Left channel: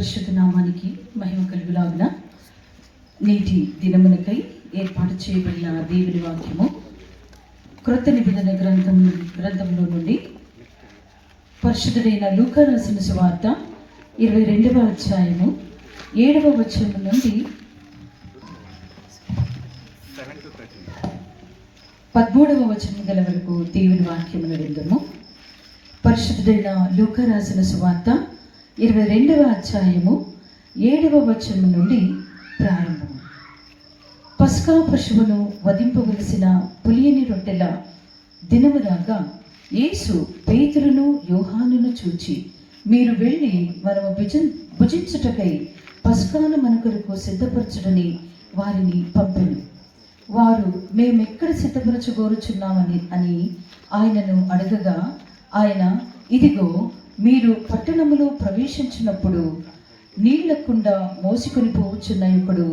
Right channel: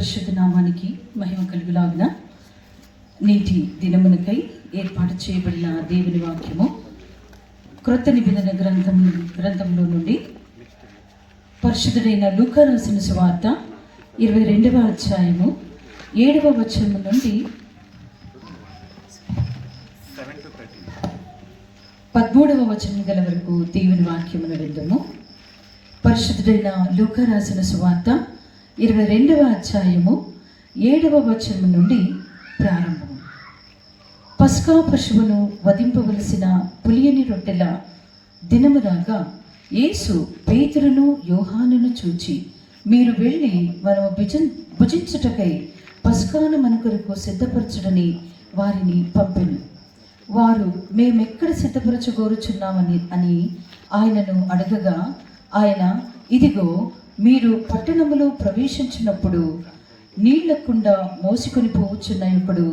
పరిశుద్ధ నామానికి మహిమ కలుగులాగున నేటి దినమునకై ఏర్పాటు చేయబడిన దేవుని వాక్యము క్రొత్త నిబంధన గ్రంథంలో నుండి పరిశుద్ధుడైన లూకా రాసిన సువార్త 22వ అధ్యాయము 7వ వచనం నుండి 13వ వచనం గల వరకు దేవుని వాక్యమును విందుము. పరిశుద్ధుడైన లూకా రాసిన సువార్త 22వ అధ్యాయము 7వ వచనం నుండి ప్రారంభం. పస్కా పశువును వధింపవలసిన పులియని రొట్టెల దినము రాగా యేసు పేతురును యోహానును చూచి, మీరు వెళ్ళి మనము భుజించుటకై పస్కాను మన కొరకు సిద్ధపరచుడని వారిని పంపెను. వారు మేమెక్కడ సిద్ధపరచుకోరుచున్నామని ఆయనను అడగగా ఆయన, ఇదిగో మీరు పట్టణములో ప్రవేశించినప్పుడు నీళ్లకుండా మోసుకొని పోవచ్చున్న ఒకడు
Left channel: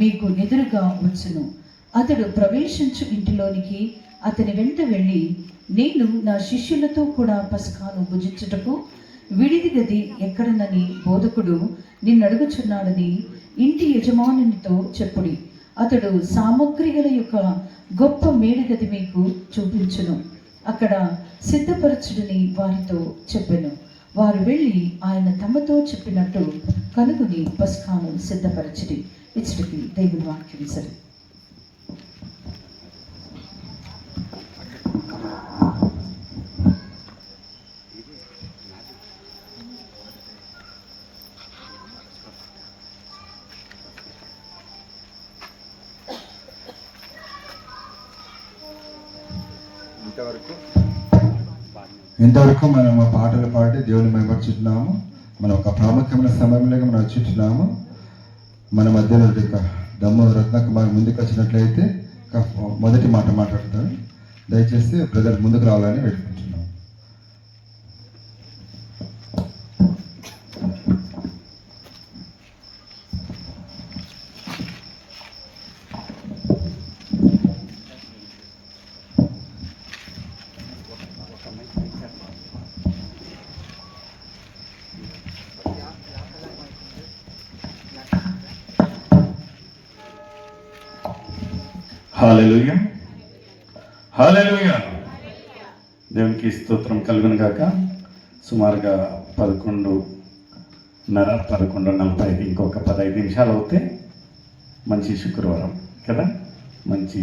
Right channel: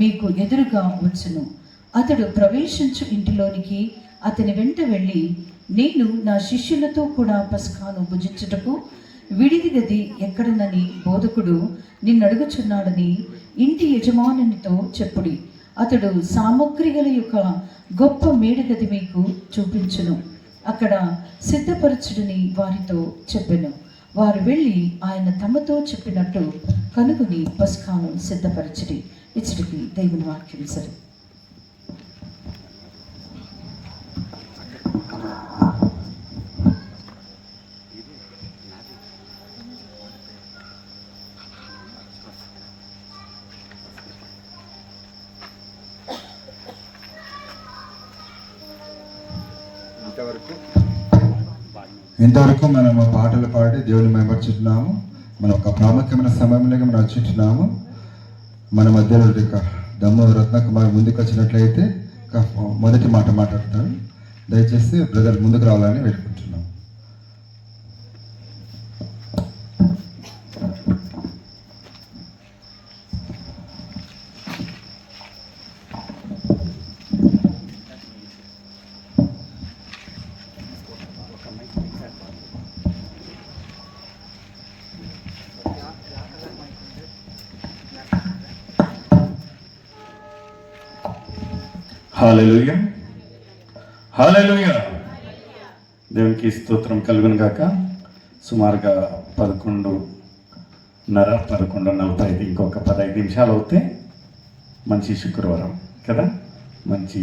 మీకు ఎదురుగా వచ్చును. అతడు ప్రవేశించు ఇంటిలోనికి అతని వెంట వెళ్ళి, నేను నా శిష్యులతో కూడా పస్కాను భుజించుటకు విడిది గది ఎక్కడనని బోధకుడు నిన్నడుగుచున్నాడని ఇంటి యజమానునితో చెప్పుడి. అతడు సామగ్రి గల యొక్క గొప్ప మేడి గది మీకు చూపించును, అక్కడ సిద్ధపరచుడని వారితో చెప్పెను. వారు వెళ్ళి ఆయన తమతో చెప్పినట్టు కనుగొని పస్కాను సిద్ధపరచుడి. ఇచ్చటికి దేవుని వాక్యం సరే. ఇంతవరకు మనం పాటలు పాడి దేవుని మెమర్చుతున్నాము. మనం ఒక ప్రాముఖ్యమైన సమయంలోకి మనం వచ్చుంటున్నాము. మన మధ్యలో దమ్ము రత్నకుమార్ ముందుకు వచ్చినట్లయితే మొదటి మాట మాట్లాడతారు. దయచేసి బ్రదర్ ముందుకు రావాలని వేడుకుంటున్నాం. హల్లెలూయా, హల్లెలూయా. దేవునికి స్తోత్రం కలుగును గాక. సుమారుగా 11:45 ఇంకొక 15 నిమిషాలు అవుతే మంచి శుక్రవారం కదా, మంచి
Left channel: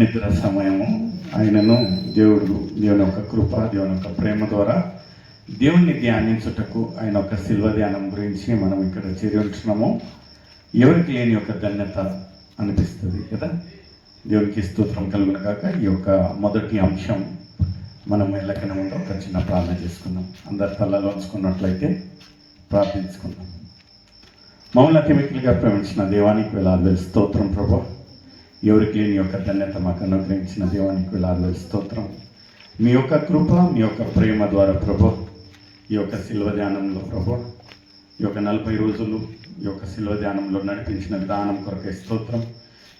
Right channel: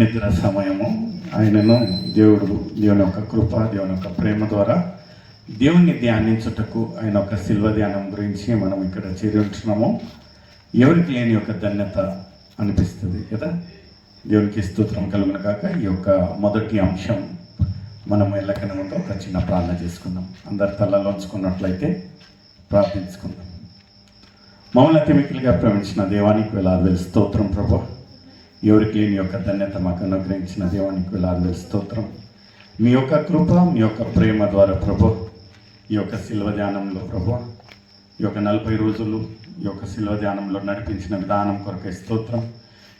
నిద్ర సమయము. ఆయనను దేవుని యొక్క కృప, దేవుని యొక్క ప్రేమ ద్వారా దేవుణ్ణి ధ్యానించుటకు ఆయన ఒక శిల్వ ధ్యానం గురించి మనం ఇక్కడ చేరి ఉంటున్నాము. ఎవరికి లేని యొక్క ధన్యత అనిపిస్తుంది కదా. దేవునికి స్తోత్రం కలుగును కాక. ఈ యొక్క మొదటి అంశం మనం వెళ్ళకనే ముందు ఒక చిన్న ప్రార్థన చేసుకుందాం. అందరి తలలో ఉంచుకున్నట్లయితే ప్రార్థించుకుందాం. మమ్మల్ని అతి మిక్కిలిగా ప్రేమించిన దేవానికి వేలాది స్తోత్రం ప్రభు. ఎవరికి లేని యొక్క ధన్యత మాకు అనుగ్రహించిన దేవానికి వేలాది స్తోత్రం. మీ యొక్క కృప, మీ యొక్క ప్రేమ ద్వారా ప్రభు ఈ యొక్క శిల్వ ధ్యానంలో ప్రభు ఈ యొక్క 40 రోజులు ఈ యొక్క శిల్వ ధ్యానంలో నడిపించిన విధానం కొరకే స్తోత్రం.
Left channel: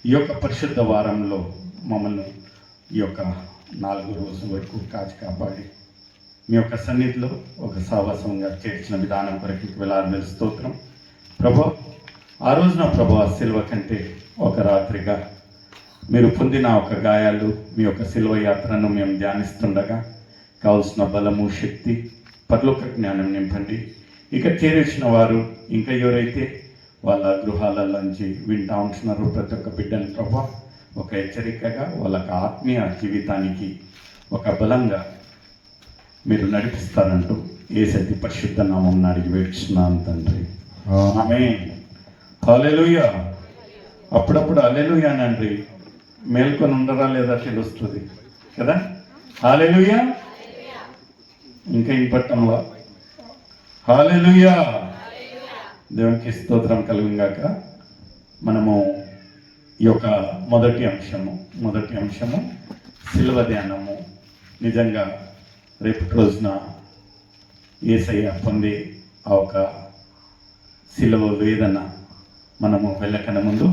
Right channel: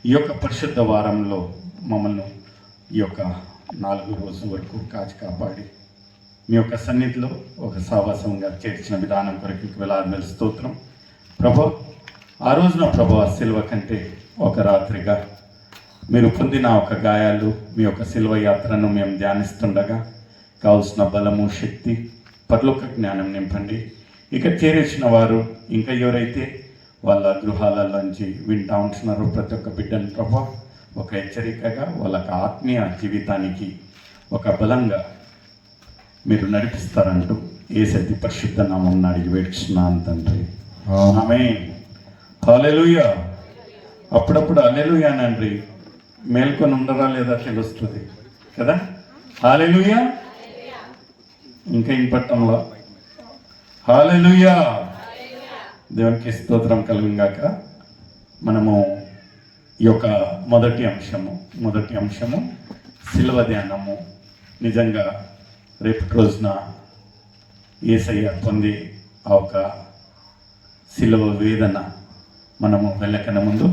ఈ యొక్క పరిశుద్ధ వారంలో మమ్మల్ని ఈ యొక్క 4 రోజుల వరకు కాచి కాపాడి మీ యొక్క సన్నిధిలో ఒక సావాసంగా చేర్చిన విధానం కొరకు వేలాది స్తోత్రం ప్రభు. ఆ రోజున ప్రభు ఆ శిల్వ కంటే ఒక రాత్రిగా మీరు పొందిన ఒక గాయాలు, మీ యొక్క శిల్వ యాత్రను మేము ధ్యానిస్తుండగా కావలసిన బలము, శక్తి, పరలోక జ్ఞానం నింపండి. ఇక చేరేసిన వారు ఇంకా ఎవరైతే వాళ్ళ గృహాలలోంచి వింటూ ఉంటున్నారో ప్రతి ఒక్క బిడ్డని ప్రభు ఒక హెచ్చరికగా వాళ్ళకి ఆత్మీయ జీవితానికి ఒక బలంగా మీరు నడిపిస్తారంటూ యేసయ్య పరిశుద్ధ నామమున అడిగి వేడుచున్నాను తండ్రి, ఆమేన్. హల్లెలూయా. అప్పుడప్పుడు హల్లెలూయా నండి మేల్కొని ఉండరా లేదా తెలుస్తుంది కదా. హల్లెలూయా. ఇంకా ఇంపట్టంలో హల్లెలూయా. దేవునికి స్తోత్రం కలుగుగాక. మనము ఈ యొక్క మొదటి అంశము శిలువ ధ్యానము. నిజంగా రేపటి రోజున యేసయ్య పొందే ఆ ఒక శిలువ వేదన మనము వెళ్ళకన ముందు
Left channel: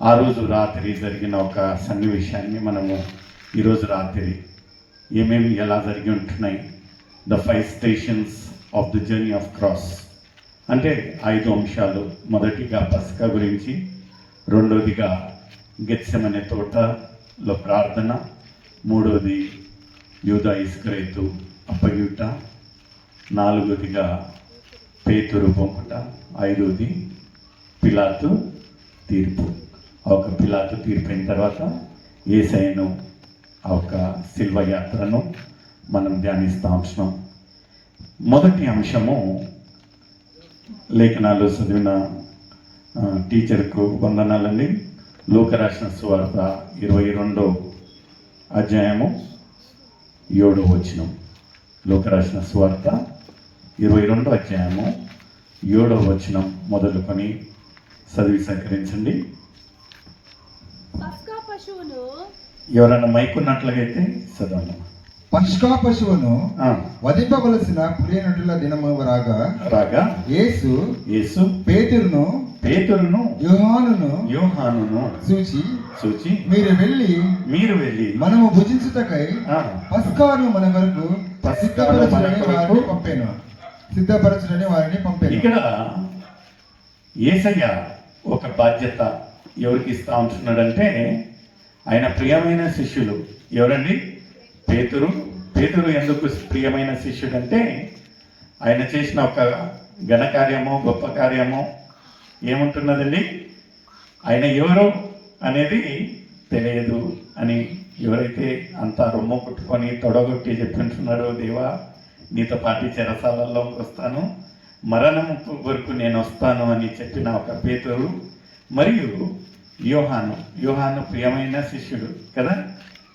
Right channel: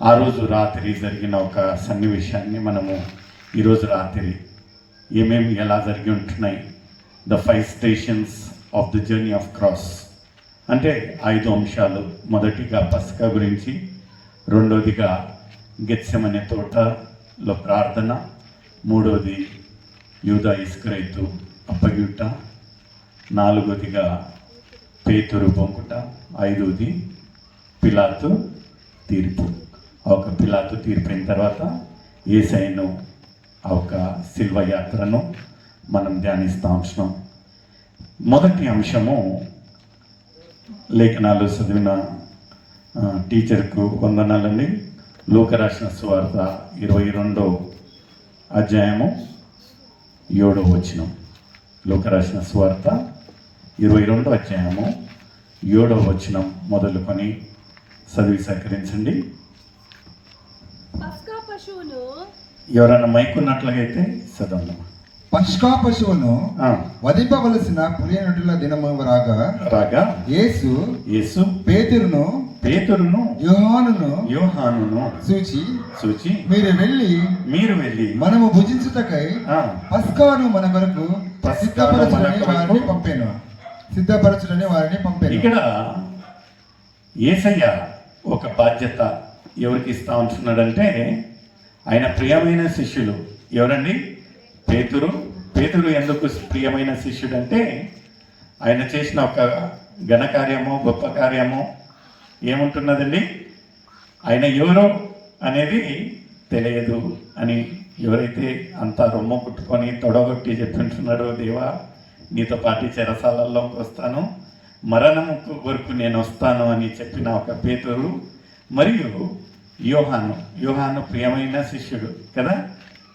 ఆ రోజు రాత్రి జరిగిన ఒక సన్నివేశాన్ని మనము ఈరోజు రాత్రి ఏమేమి ఎలా జరిగి ఉంటున్నాయి, the 5 stations of the journey of cross. అంటే 5 అంశాలు. మొదటిగా పస్కా గురించి, రెండోదిగా గెత్సెమనే తోటలో ప్రార్థన, మూడోది యూదా ఇస్కరియోతు అప్పగియుట, నాలుగోదిగా పేతురు పంపుట, ఐదోది పిలాతు తీర్పు. ఒక పిలాతు తీర్పు అయిన తర్వాత యేసయ్యను ఆ ఒక శిల్వ యాత్రను మనం ధ్యానిస్తూ ఉంటున్నాం. మొదటి అంశము లేఖనాలు చదివిన టీచర్కు వందనాలండి. లూకా రాసిన సువార్త 22వ అధ్యాయము 7వ వచనం. లూకా రాసిన సువార్త 22వ అధ్యాయము 7వ వచనం మొదలుకొని చదివి సహకరించండి. పస్కా పశువును ఎవరైనా మైకున్నట్లయితే చదవండి. పస్కా పశువును వధింపవలసిన పులియనటుల దినము రాగా యేసు పేతురును యోహానును చూచి మీరు వెళ్ళి మనము భుజించుటకై పస్కాను మన కొరకు సిద్ధపరచుటని వారిని పంపాను. ఇక్కడ యేసయ్య ఒక బాధ్యత ఎవరికి ఇస్తా ఉంటున్నాడంటే, ఆయన ప్రియమైన శిష్యులు ఎవరండి? పేతురు ఎందుకు ప్రియమైన శిష్యుడు అంటే, ఆయన చేసిన ఒక ఘనకార్యము, గొప్ప కార్యము ఏముంటున్నదండి, ఆయన ఎవరు అనేది తెలియదు అని ఎవరైతే అంతా రొమ్ము కుట్టుకొని తొడగొట్టి చెప్తుంటున్నాడో, దేవా నీతో పాటు చెరసాలలోకి వస్తాను, మరణము వరకు నేను వస్తాను అని చెప్పిన ఒక పేతురు మరియు యోహాను ప్రియమైన శిష్యుడు కదా.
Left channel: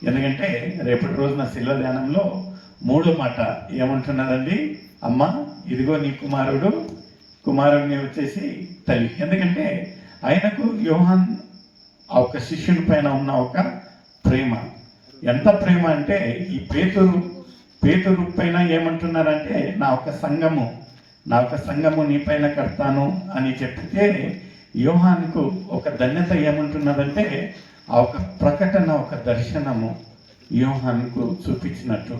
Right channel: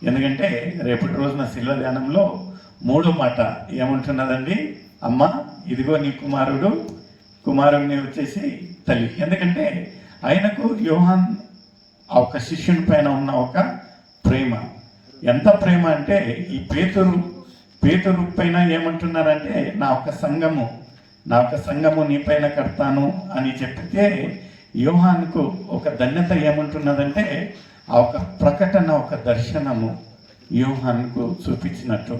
ఎందుకంటే రేపటి రోజున శిల్వ ధ్యానంలో 3వ మాట ఏముంటున్నదండి, అమ్మ ఇదిగో నీ కుమారుడిని వచ్చేసి తల్లి. ఎందుకంటే ఆయనకు యోహాన్ ఆ ఒక శిష్యుని పైన ఉన్న ఒక ప్రేమ, ఎంత ప్రేమ అంటే ఈ పేతురు పైన ఏమంటున్నారంటే, నా ఒక సంఘము నీ పైన కడతాను అని చెప్తే, యోహానుకు ఒక ధన్యత ఏమంటున్నదంటే, ఆ ఒక ప్రకటన, ఒక దర్శనము యోహానుకు చూపించినట్టు,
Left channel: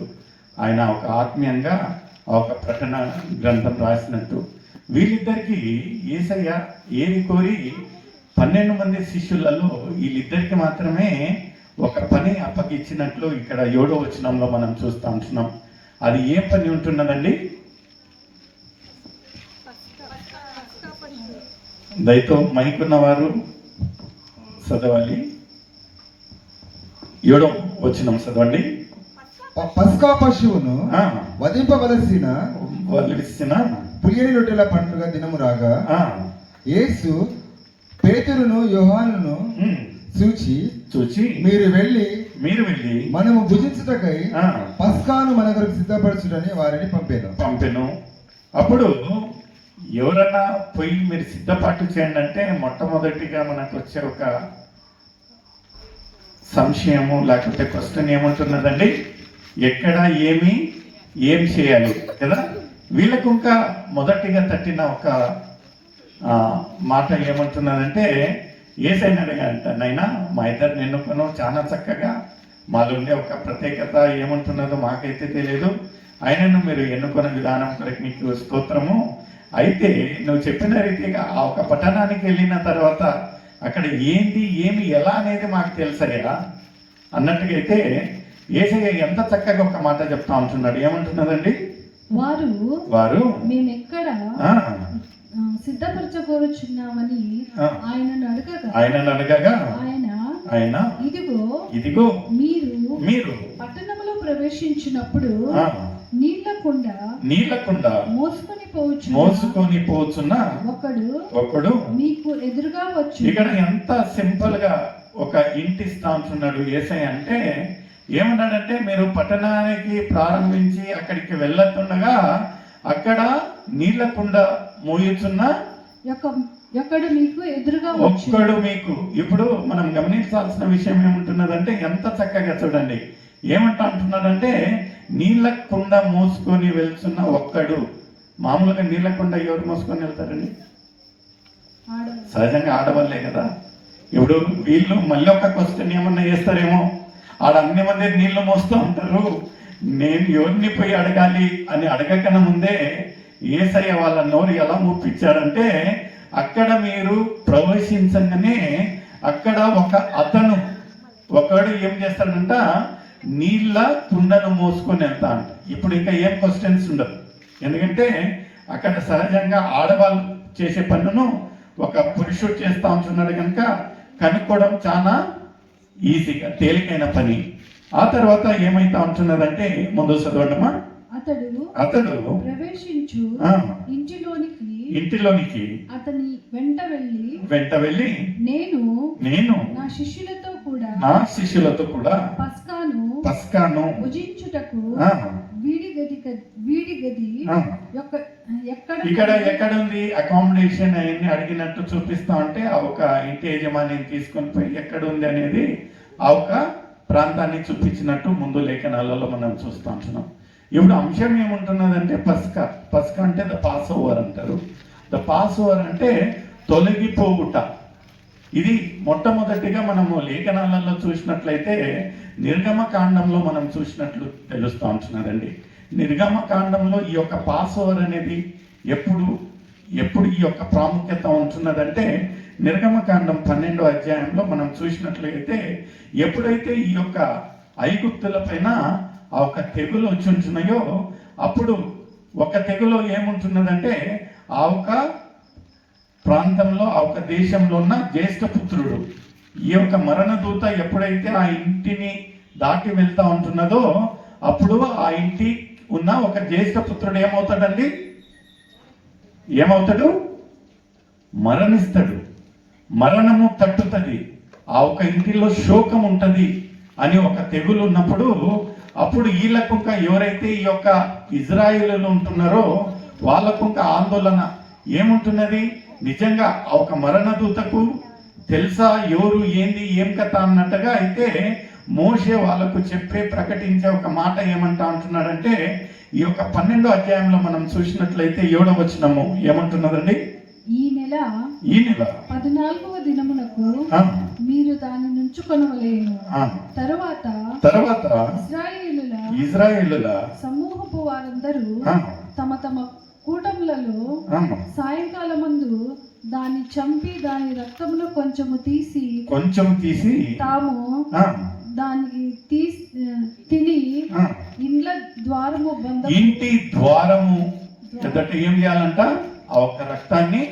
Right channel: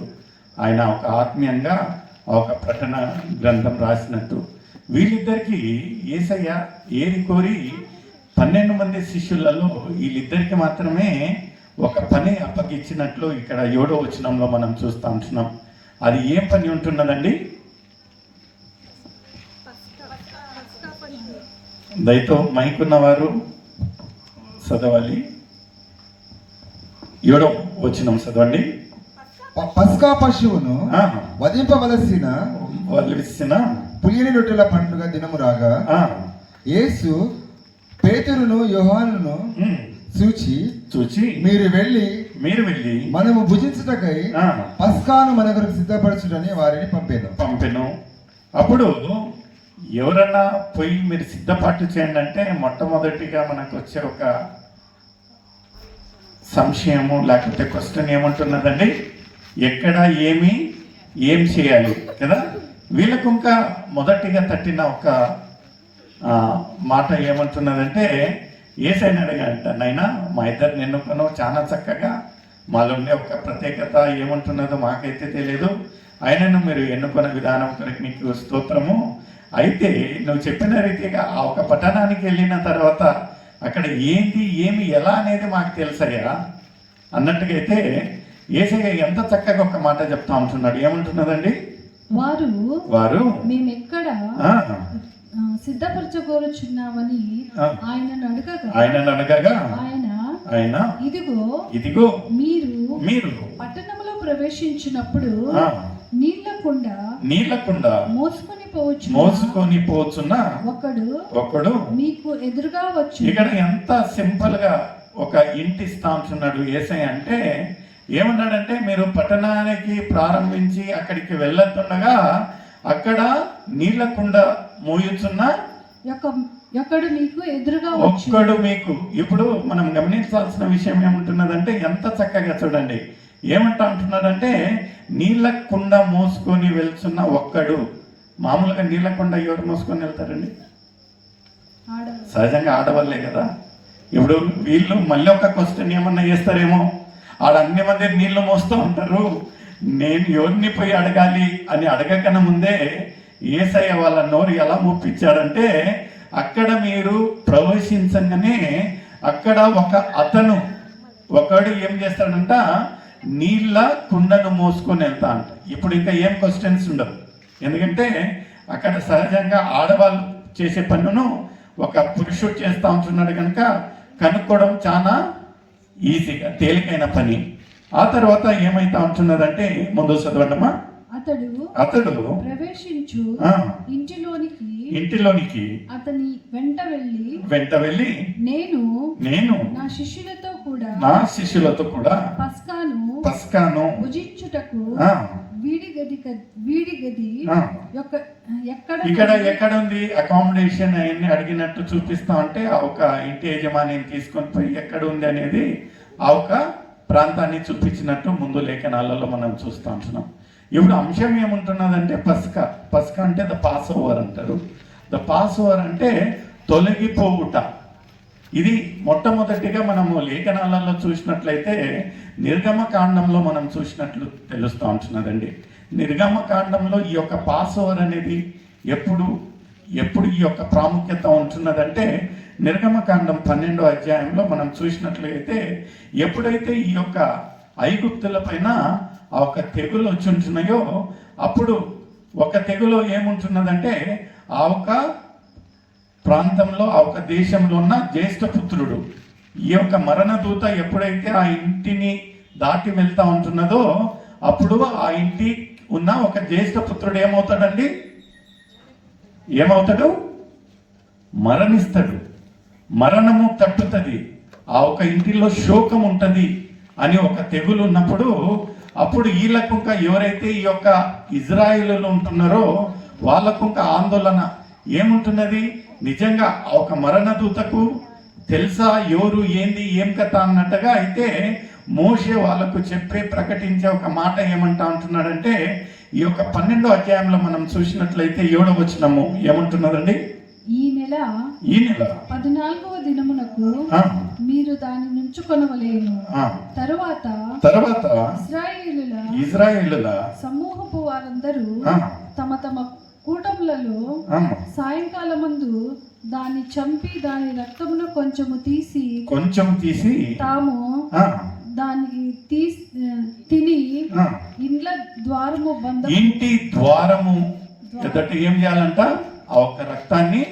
ఆయన ఒక ఆత్మీయంగా ఆ ఒక ప్రకటన గ్రంథం రాసినట్టు. వీళ్ళిద్దరికి యేసయ్య ఏది కోరి 12 మంది శిష్యులలో వీళ్ళిద్దరికి మాత్రమే ఒక పని అప్పగిచ్చినట్లు ఇక్కడ 7వ వచనంలో మనం చూస్తూ ఉంటున్నాం. అది ఏ పని ఉంటున్నదండి? దయతో మైకున్న వారు చదవాలి. 7వ వచనం చదవండి. పస్కా పశువును వధింపవలసిన పులియని రొట్టెల పండుగ దినము రాగా యేసు పేతురును యోహానును చూచి మీరు వెళ్ళి మనము భుజించుటకై పస్కాను మన కొరకు సిద్ధపరచుటని వారిని పంపెను. అప్పుడు ఎవరన్నా పోయి మీరు సిద్ధపాటు చేయండి అంటే, మొట్టమొదటిగా మనకు వచ్చే ఒక సంశయము లేకపోతే క్వశ్చన్ ఏముంటున్నదండి, ఎక్కడ ఏం చేయాలి కదా. వీళ్ళకు ఇంకా మొదటిగా తట్టిన ఒక మాట ఏమంటున్నదంటే, యేసయ్యని అడిగాడంట, నాయనా మా ఇద్దరు ఎన్నుకున్నావు చాలా చక్కగా, మాలోనే ఒక ప్రత్యేకత ఏమంటున్నదో మాకైతే తెలియదు, ఆయనను మీరు ఎన్నుకున్న విధానం కొరకు నీకు స్తోత్రము. అయితే నువ్వు చెప్పిన రీతిగా ఆ ఒక పట్టణానికి వెళ్ళిన తర్వాత అక్కడ ఏమి ఎలా అనేది మాకు తెలుసయ్యా అన్నట్టుగా అయితే యేసయ్య ఎంత చక్కగా ఒక మాట చెప్తా ఉంటున్నాడు. ఏమంటున్నదండి, వారు మేమెక్కడ సిద్ధపరచగోరుచున్నామని ఆయనను అడగగా ఆయన ఇదిగో మీరు పట్టణంలో ప్రవేశించినప్పుడు నీళ్లకుండా మోసుకొని పోచున్న ఒకడు మీకు ఎదురుగా వచ్చు. ఇక్కడ ఎంత సింపుల్ గా ఒక ఇంటి ఇస్తా ఉంటున్నాడు యేసయ్య అంటే, ఏమన్నాడంటే, మీరు పట్టణానికి ప్రారంభించి అక్కడికి వెళ్ళతుండగా అక్కడ నీళ్లకుండా మోయుచున్న ఒక్కడు మీకు ఎదురుగా ఒక్కడు మీకు. ఇప్పుడు మనం గమనించాల్సిన విషయం ఏముంటున్నదంటే, ఎంత చక్కగా చూడండి ఏమంటా ఉంటున్నాడంటే, నీళ్ళకుండా మోసుకొని వెళ్తున్న ఒక్కడు. మామూలుగా నీళ్ళకుండా ఎవరు మోసుకొని వెళ్తారండి? సహజంగా ఆడవాళ్ళే కదా. ఇప్పుడు వీళ్ళు మళ్ళీ ఒక క్వశ్చన్ ఏమన్నా చేస్తారేమో, ఆడ అన్ని మంది నీళ్లు మోస్తూ ఉంటారు, నేను ఎవరిని పోయి అడగాలి అని అడగకన్నా ముందే యేసయ్య వాళ్ళ నోరు ఎలా ముప్పించాడంటే, అక్కడ మీరు ప్రవేశించగానే అక్కడ ఒకడు ఏం చేస్తాడంట, నీళ్ళ కుండను మోసుకొని వెళ్తా అంట. ఇప్పుడు ఇంకా ఏం క్వశ్చన్స్ ఉండవు, ఎందుకంటే అక్కడ సహజంగా ఆడవాళ్ళు చేసే పనును ఒక పురుషుడు చేస్తూ ఉంటున్నాడు కనుక కనుక్కోవడం చాలా ఈజీగా తేలికైన పని. ఆ తర్వాత ఏమైతా ఉంటున్నదంటే, ముందు చదవడమా, అతడు ప్రవేశించు ఇంటిలోనికి అతని వెంట వెళ్ళి నేను నా శిష్యులతో కూడా పస్కాను భుజించుటకు వీడి గది ఎక్కడ ఉంది అకామిడేషన్ అవన్నీ అడిగినట్టు చూపిస్తా ఉంటే ఆ ఒక ఇంటి యజమానిని తీసుకొని పోయి ఎక్కడ ఉంది అనేది ఆ ఒక ప్రాంతాన్ని చూపించినట్టు ముందు లేఖనాలలో మనం చూస్తూ ఉంటున్నాం. ఇప్పుడు అంశం ఏముంటున్నదంటే పస్కా అంటే ద పాస్ ఓవర్ అంటారు. ద పాస్ ఓవర్ అంటే తొలగిపోవుట. ఇది మొట్టమొదటిగా మనము లేఖనాలలో చూసినట్లయితే నిర్గమకాండంలో మనం చూసినట్లు తెలుస్తూ ఉంటున్నదండి. నిర్గమకాండంలో ఈ యొక్క పాస్ ఓవర్ అనేది ఎప్పుడు ఈ యొక్క ప్రాముఖ్యత ఉంటున్నదంటే, నిర్గమకాండం 12వ అధ్యాయంలో మనం చూసినట్లయితే ఎప్పుడైతే ఈ యొక్క ఐగుప్తుల పైన ఆ ఒక తెగులు వచ్చి ఉంటున్నాయో, అప్పుడు ఒక తెగులు ఏముంటున్నదంటే, ఆ ఒక ప్రాంతంలో ఆ ఒక దేశంలో ఉన్న జ్యేష్ఠపుత్రుడు, ఈ యొక్క మరణదూత ఎప్పుడైతే ఆ ఇంటిని దాటి వెళ్తా ఉంటున్నదో, అప్పుడు ఆ ఇంటి ఉన్న ఒక జ్యేష్ఠపుత్రుడు ఏమవుతాడు? మరణిస్తాడు. మరణము తట్టుతుంది. ఆ ఒక ఇంటిలో శోకం ఉంటుంది అని ఒక తెగులు ఉన్నప్పుడు, అప్పుడు వీళ్ళకు ఎవరైతే ఈ యొక్క ఇజ్రాయేలు ఉంటున్నారో వాళ్ళకు ఆందోళన ఏముంటున్నది, నిజంగా ఒక మరణదూతకు తెలుసా ఎవరు ఏంది ఏం కథ అన్నట్టుగా అయితే మోషే వాళ్ళకు ప్రకటించే ఒక మాట ఏమంటా ఉంటున్నాడంటే, ఈ యొక్క 12వ అధ్యాయంలో మనం చూసినట్లయితే 7వ వచనము ఏమంటున్నదండి, ఈ నెల 14వ దినమునకు మీరు దాని నుంచుకొనవలెను. తరువాత ఇశ్రాయేలుల సమూహపు వారందరూ తమ తమ కూటములలో సాయంకాలమందు దాన్ని చంపి దాని రక్తమును కొంచెము తీసి తాము దాన్ని తిని ఇంటి ద్వారము ఎదుట ఏం చేయాలంట, ఆ ఒక్క రక్తాన్ని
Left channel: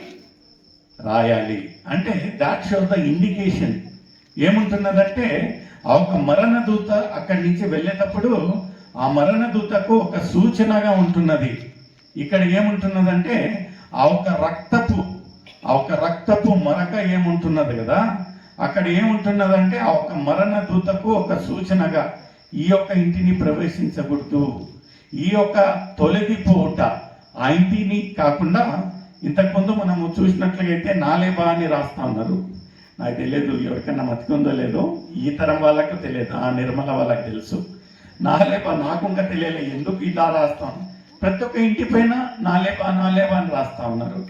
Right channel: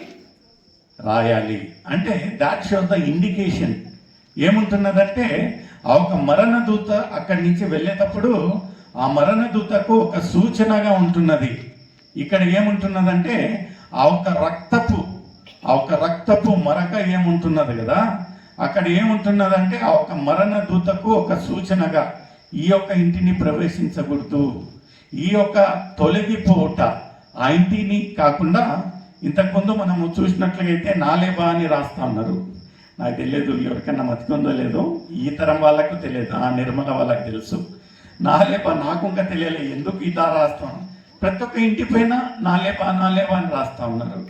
రాయాలి. అంటే దాట్ షోస్ ద ఇండికేషన్. ఏముంటున్నదంటే, ఆ ఒక మరణదూత అక్కడి నుంచి వెళ్ళేటప్పుడు ఆ మరణదూతకు ఒక సూచనగా ఉంటున్నది. ఇక్కడ ఏముంటున్నదంటే, ఆ ఒక రక్తపు మరక ఏముంటున్నది కదా, అక్కడ ఏముంటున్నదంటే ఆ ఒక మరణదూతకు ఒక సూచనగా ఈ యొక్క ఇంటిని ప్రవేశించకూడదు, ఈ యొక్క తొలగిపోవుట. ఆ ఇంటిని కాకుండా ఇంతకుముందు మనము చూసినట్లయితే నాలేబా అని రాస్తా ఉన్నారు. నాకు తెలియదు ఎవరికైనా మతికుందో లేదో, ఈ తరం వాళ్ళకు తెలియదు, ఆ నిర్మల వాళ్ళకి తెలుసు. నాలేబా నాకు ఇంకా తెలియలేదు ఎందుకు ఇలా రాస్తాను. ప్రతి ఒక్క ఇంటి పైన నాలేబా అని రాస్తా ఉన్నారు.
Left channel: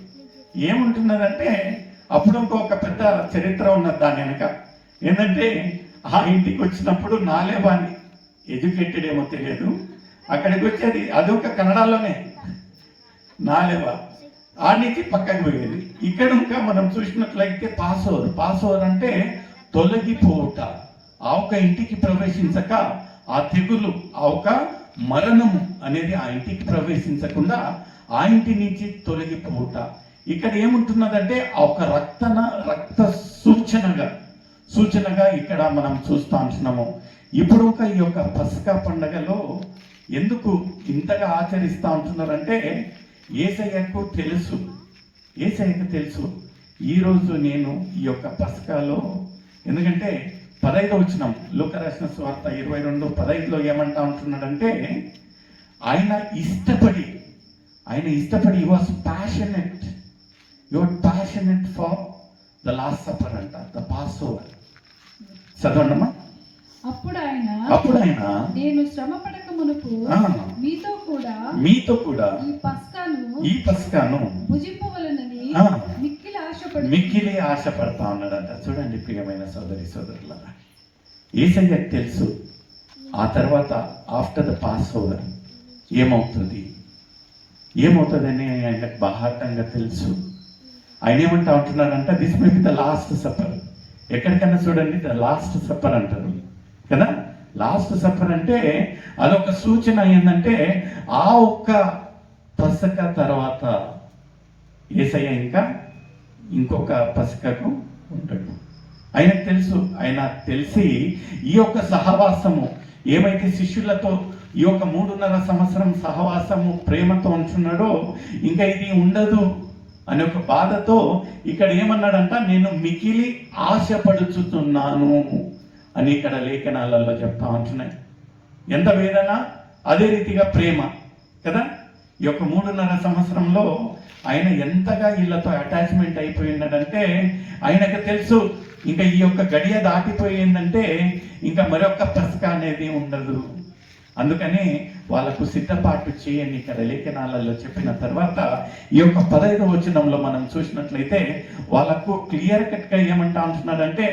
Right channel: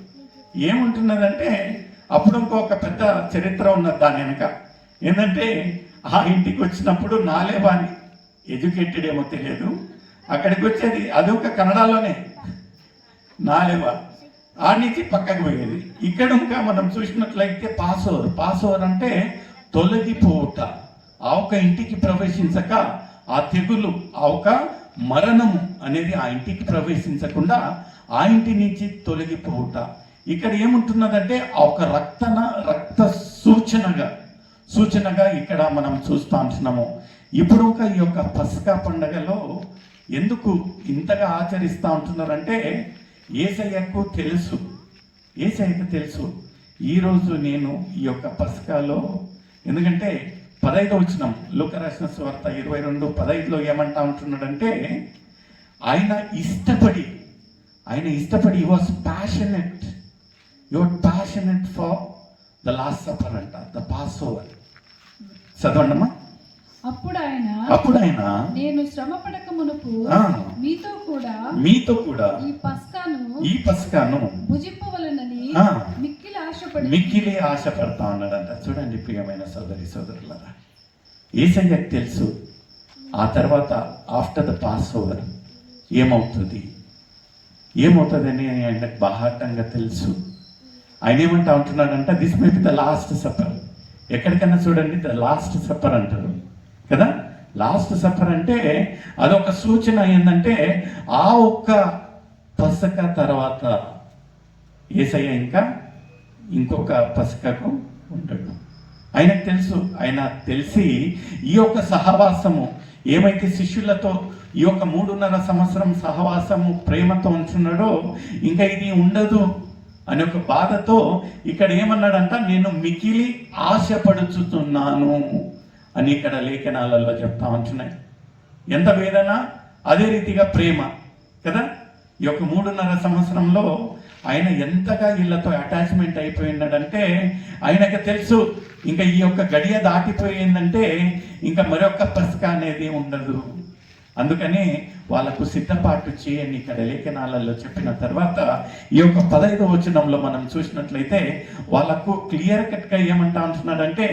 ఏముంటున్నదంటే, అప్పుడు ఇంకొక పెద్ద చరిత్ర ఉన్నది దాని వెనుక. ఏంటంటే, ఆ ఇంటికి వచ్చినప్పుడు నాలేబాని ఎడ్యుకేటెడ్ ఏమో తెలియదు, అక్కడికి వచ్చేది అదొక కన్నడలోనే నాలేబా, ఆ నుంచి పక్కకు పోయేది. ఇక్కడ ఇంకా మనం చూసినట్లయితే పాస్ ఓవర్ అంటే తొలగిపోవుట. ఆ ఒక ఇంటికి ప్రవేశించక ఆ తెగులు, ఆ ఒక మరణము అనేది ఆ ఇంటికి ప్రవేశించకుండా ఆ ఇంటి నుంచి తొలగిపోవుట. ఇక్కడ ఏముంటున్నదంటే, ఆ ఒక రక్త సూచనగా ఇక్కడ మనం చూస్తూ ఉంటున్నాము. ఇప్పుడు ఈ యొక్క పస్కా పండగలో ఎందుకు ఇంతగా ఆచరిస్తూ ఉంటున్నారంటే, యేసయ్యకు తెలుసు ఈరోజు నేను ఈ యొక్క పస్కాలో, ఎందుకంటే 15వ వచనం లూకా రాసిన సువార్త 22:15లో ఏమంటా ఉంటున్నాడంటే, ఆయన ఇష్టపడి he was passionate for the last supper అంట, the passover. చదవండమ్మా. అప్పుడు ఆయన నేను శ్రమ పడక మునుపు మీతో కూడా ఈ పస్కాను భుజింపవలెనని మిక్కిలి ఆశపడతా ఉన్నాడంట. చూడండి ప్రియమైన సోదరులారా, యేసయ్యకు తెలుసు ఆ తర్వాత ఆఫ్టర్ ద పాస్ ఓవర్ ఏమవుతుంది. ఏమవుతుందని ఆయనకు బాహాటంగా తెలుసు. ఆయన ఏమంటా ఉంటున్నాడంట, this may be the last supper. ఎక్కడికన్నా చూడండి ద లాస్ట్ సప్పర్ అంటారు కదా. లాస్ట్ సప్పర్ అంటే అదొక సూచన ఏంటంటే ఆ ఒక్క పసక తర్వాత యేసయ్య ఇంకా ఇంకొక పసకకు ఉంటాడు. ఆయనకు తెలుసు. ఆయన తెలిసి ఈ యొక్క సహవాసము ఏమైతే శిష్యులతో ఈ యొక్క 3.5 సంవత్సరం సహవాసము ప్రేమతో ఉంచున్నాడో ఇంకా ఇది ఉండదు అనే ఒక బాధతో ఇక్కడ ఏమన్నాడంట, నేను మికిలి ఆశపడుచుతున్నాను అని ఇక్కడ లేఖనాలలో చెప్తా ఉంటున్నాయి. ఎంత వేదన, అదే రీతిగా ప్రేమ కదా. ఈ యొక్క 3.5 సంవత్సరంలో ఆయన ఎంతగా వీళ్ళతో అటాచ్మెంట్ అయిపోయినాడంటే ఆయనకు తెలుసు ఇంకా ఈ యొక్క గడియ దాటిపోయిందంటే ఇంకా మరొక పసక అనేది ఉండదు. అందుకని వాళ్ళకు సిద్ధపాటు చేయని ఇక్కడ లేఖనాలలో చెప్పిన తర్వాత ఈ యొక్క 15వ వచనంలో మనం చూసినట్లయితే వాళ్ళకు క్లియర్ కట్గా ఏమంటా అంటున్నాడంటే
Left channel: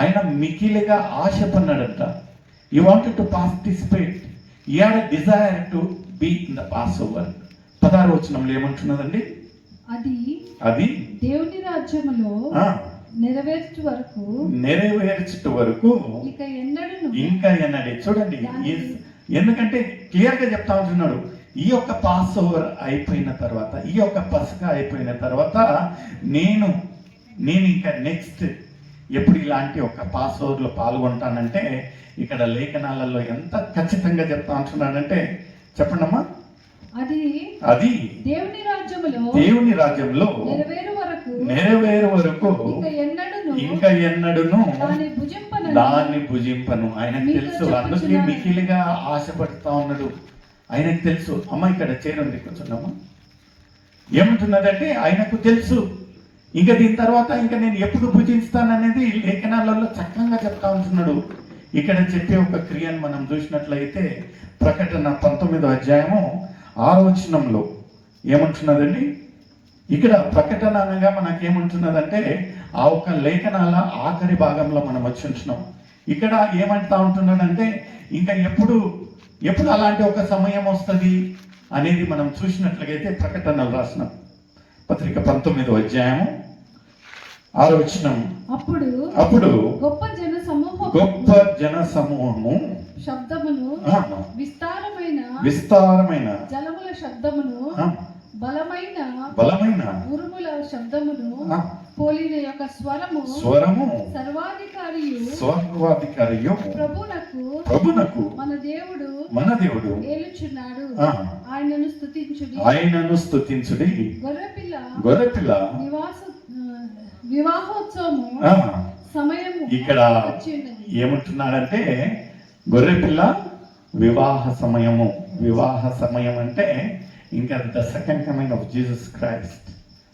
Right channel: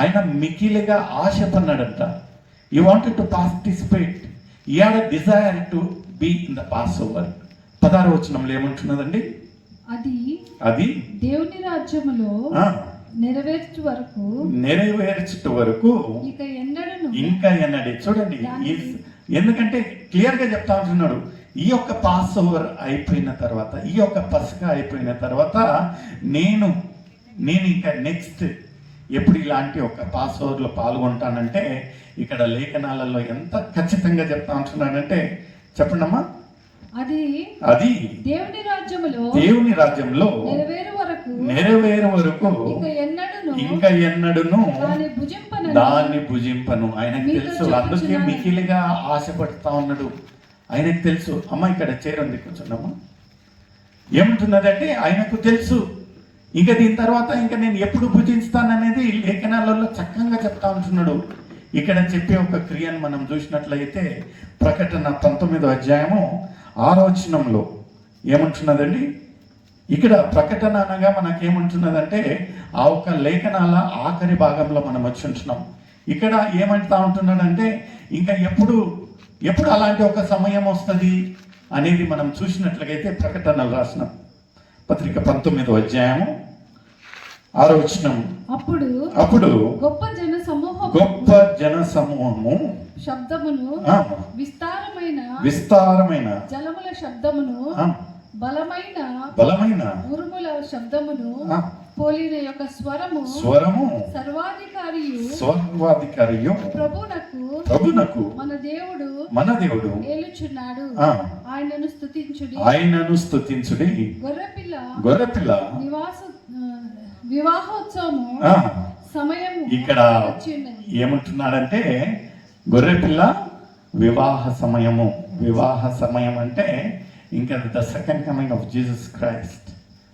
ఆయన మికిలిగా ఆశపడినాడంట. He wanted to participate, he had a desire to be in the passover. 16వ వచనంలో ఏమంటున్నదండి, అది దేవుని రాజ్యములో నెరవేర్చుట వరకు ఇంకా ఎన్నడే. చూడండి, ఎందుకంటే క్లియర్ గా చెప్తా ఉంటున్నాడు, ఈ యొక్క పాస్ ఓవర్ అయిపోయిన తర్వాత, ఈ యొక్క పసక అయిపోయిన తర్వాత నేను ఇంకా నెక్స్ట్ ఎప్పుడు ఇలాంటి ఒక పాస్ ఓవర్లో పాల్గొంటానంటే ఇక్కడ లేఖనాలలో ఎంత ఖచ్చితంగా చెప్తా ఉంటున్నానంటే చెప్పండమ్మా, అది దేవుని రాజ్యంలో నెరవేరు వరకు ఇంకా ఎన్నడూను దాన్ని భుజింపను. ఆయనకు తెలుసు. అందుకే మికిలిగా ఆశపడుతా ఉన్నాడు. ఆయనకు తెలుసు. అమ్మ ఇక్కడ చేరండి కూర్చున్నామా. ఏమంటున్నదంటే ఆయనకు తెలుసు ఇంకా దీని తర్వాత ఇంకా నేను ఎప్పుడు భుజిస్తాననేది లేఖనాలలో చక్కగా చెప్తా ఉంటున్నాడు. ఇక్కడ చెప్పే ఒక క్రియను మనం చూసినట్లయితే ప్రకటన 19వ అధ్యాయము 6వ వచనంలో ఏమంటున్నదండి, ఇక్కడ ప్రకటన అనగా మనకేమంటున్నదంటే ఆ ఒక్క లేఖనాల ఆఖరి భాగంలో మనం వచ్చి ఉంటున్నాం. ఇక్కడ ఏమంటా ఉంటున్నాడంటే ఇంకా ఎప్పుడు అలాంటి ఒక సమయం వస్తుంది అనేది మనం చూసినట్లయితే ప్రకటనలు రాసిన పత్రిక 19వ అధ్యాయము 6వ వచనం, అప్పుడు గొప్ప జన సమూహము శబ్దమును, విస్తారమైన జలముల శబ్దమును, బలమైన ఉరుముల శబ్దమును పోలిన యొక్క స్వరము సర్వాధికారియు ప్రభునకు మన దేవుడు ఆయనను స్తుతించుడి. గొర్రెపిల్ల వివాహోత్సవము సమయం. ఇక్కడ ఏమంటున్నాడంటే గొర్రెపిల్ల వివాహ సమయం అంటే ఇంకా the second coming of Jesus Christ.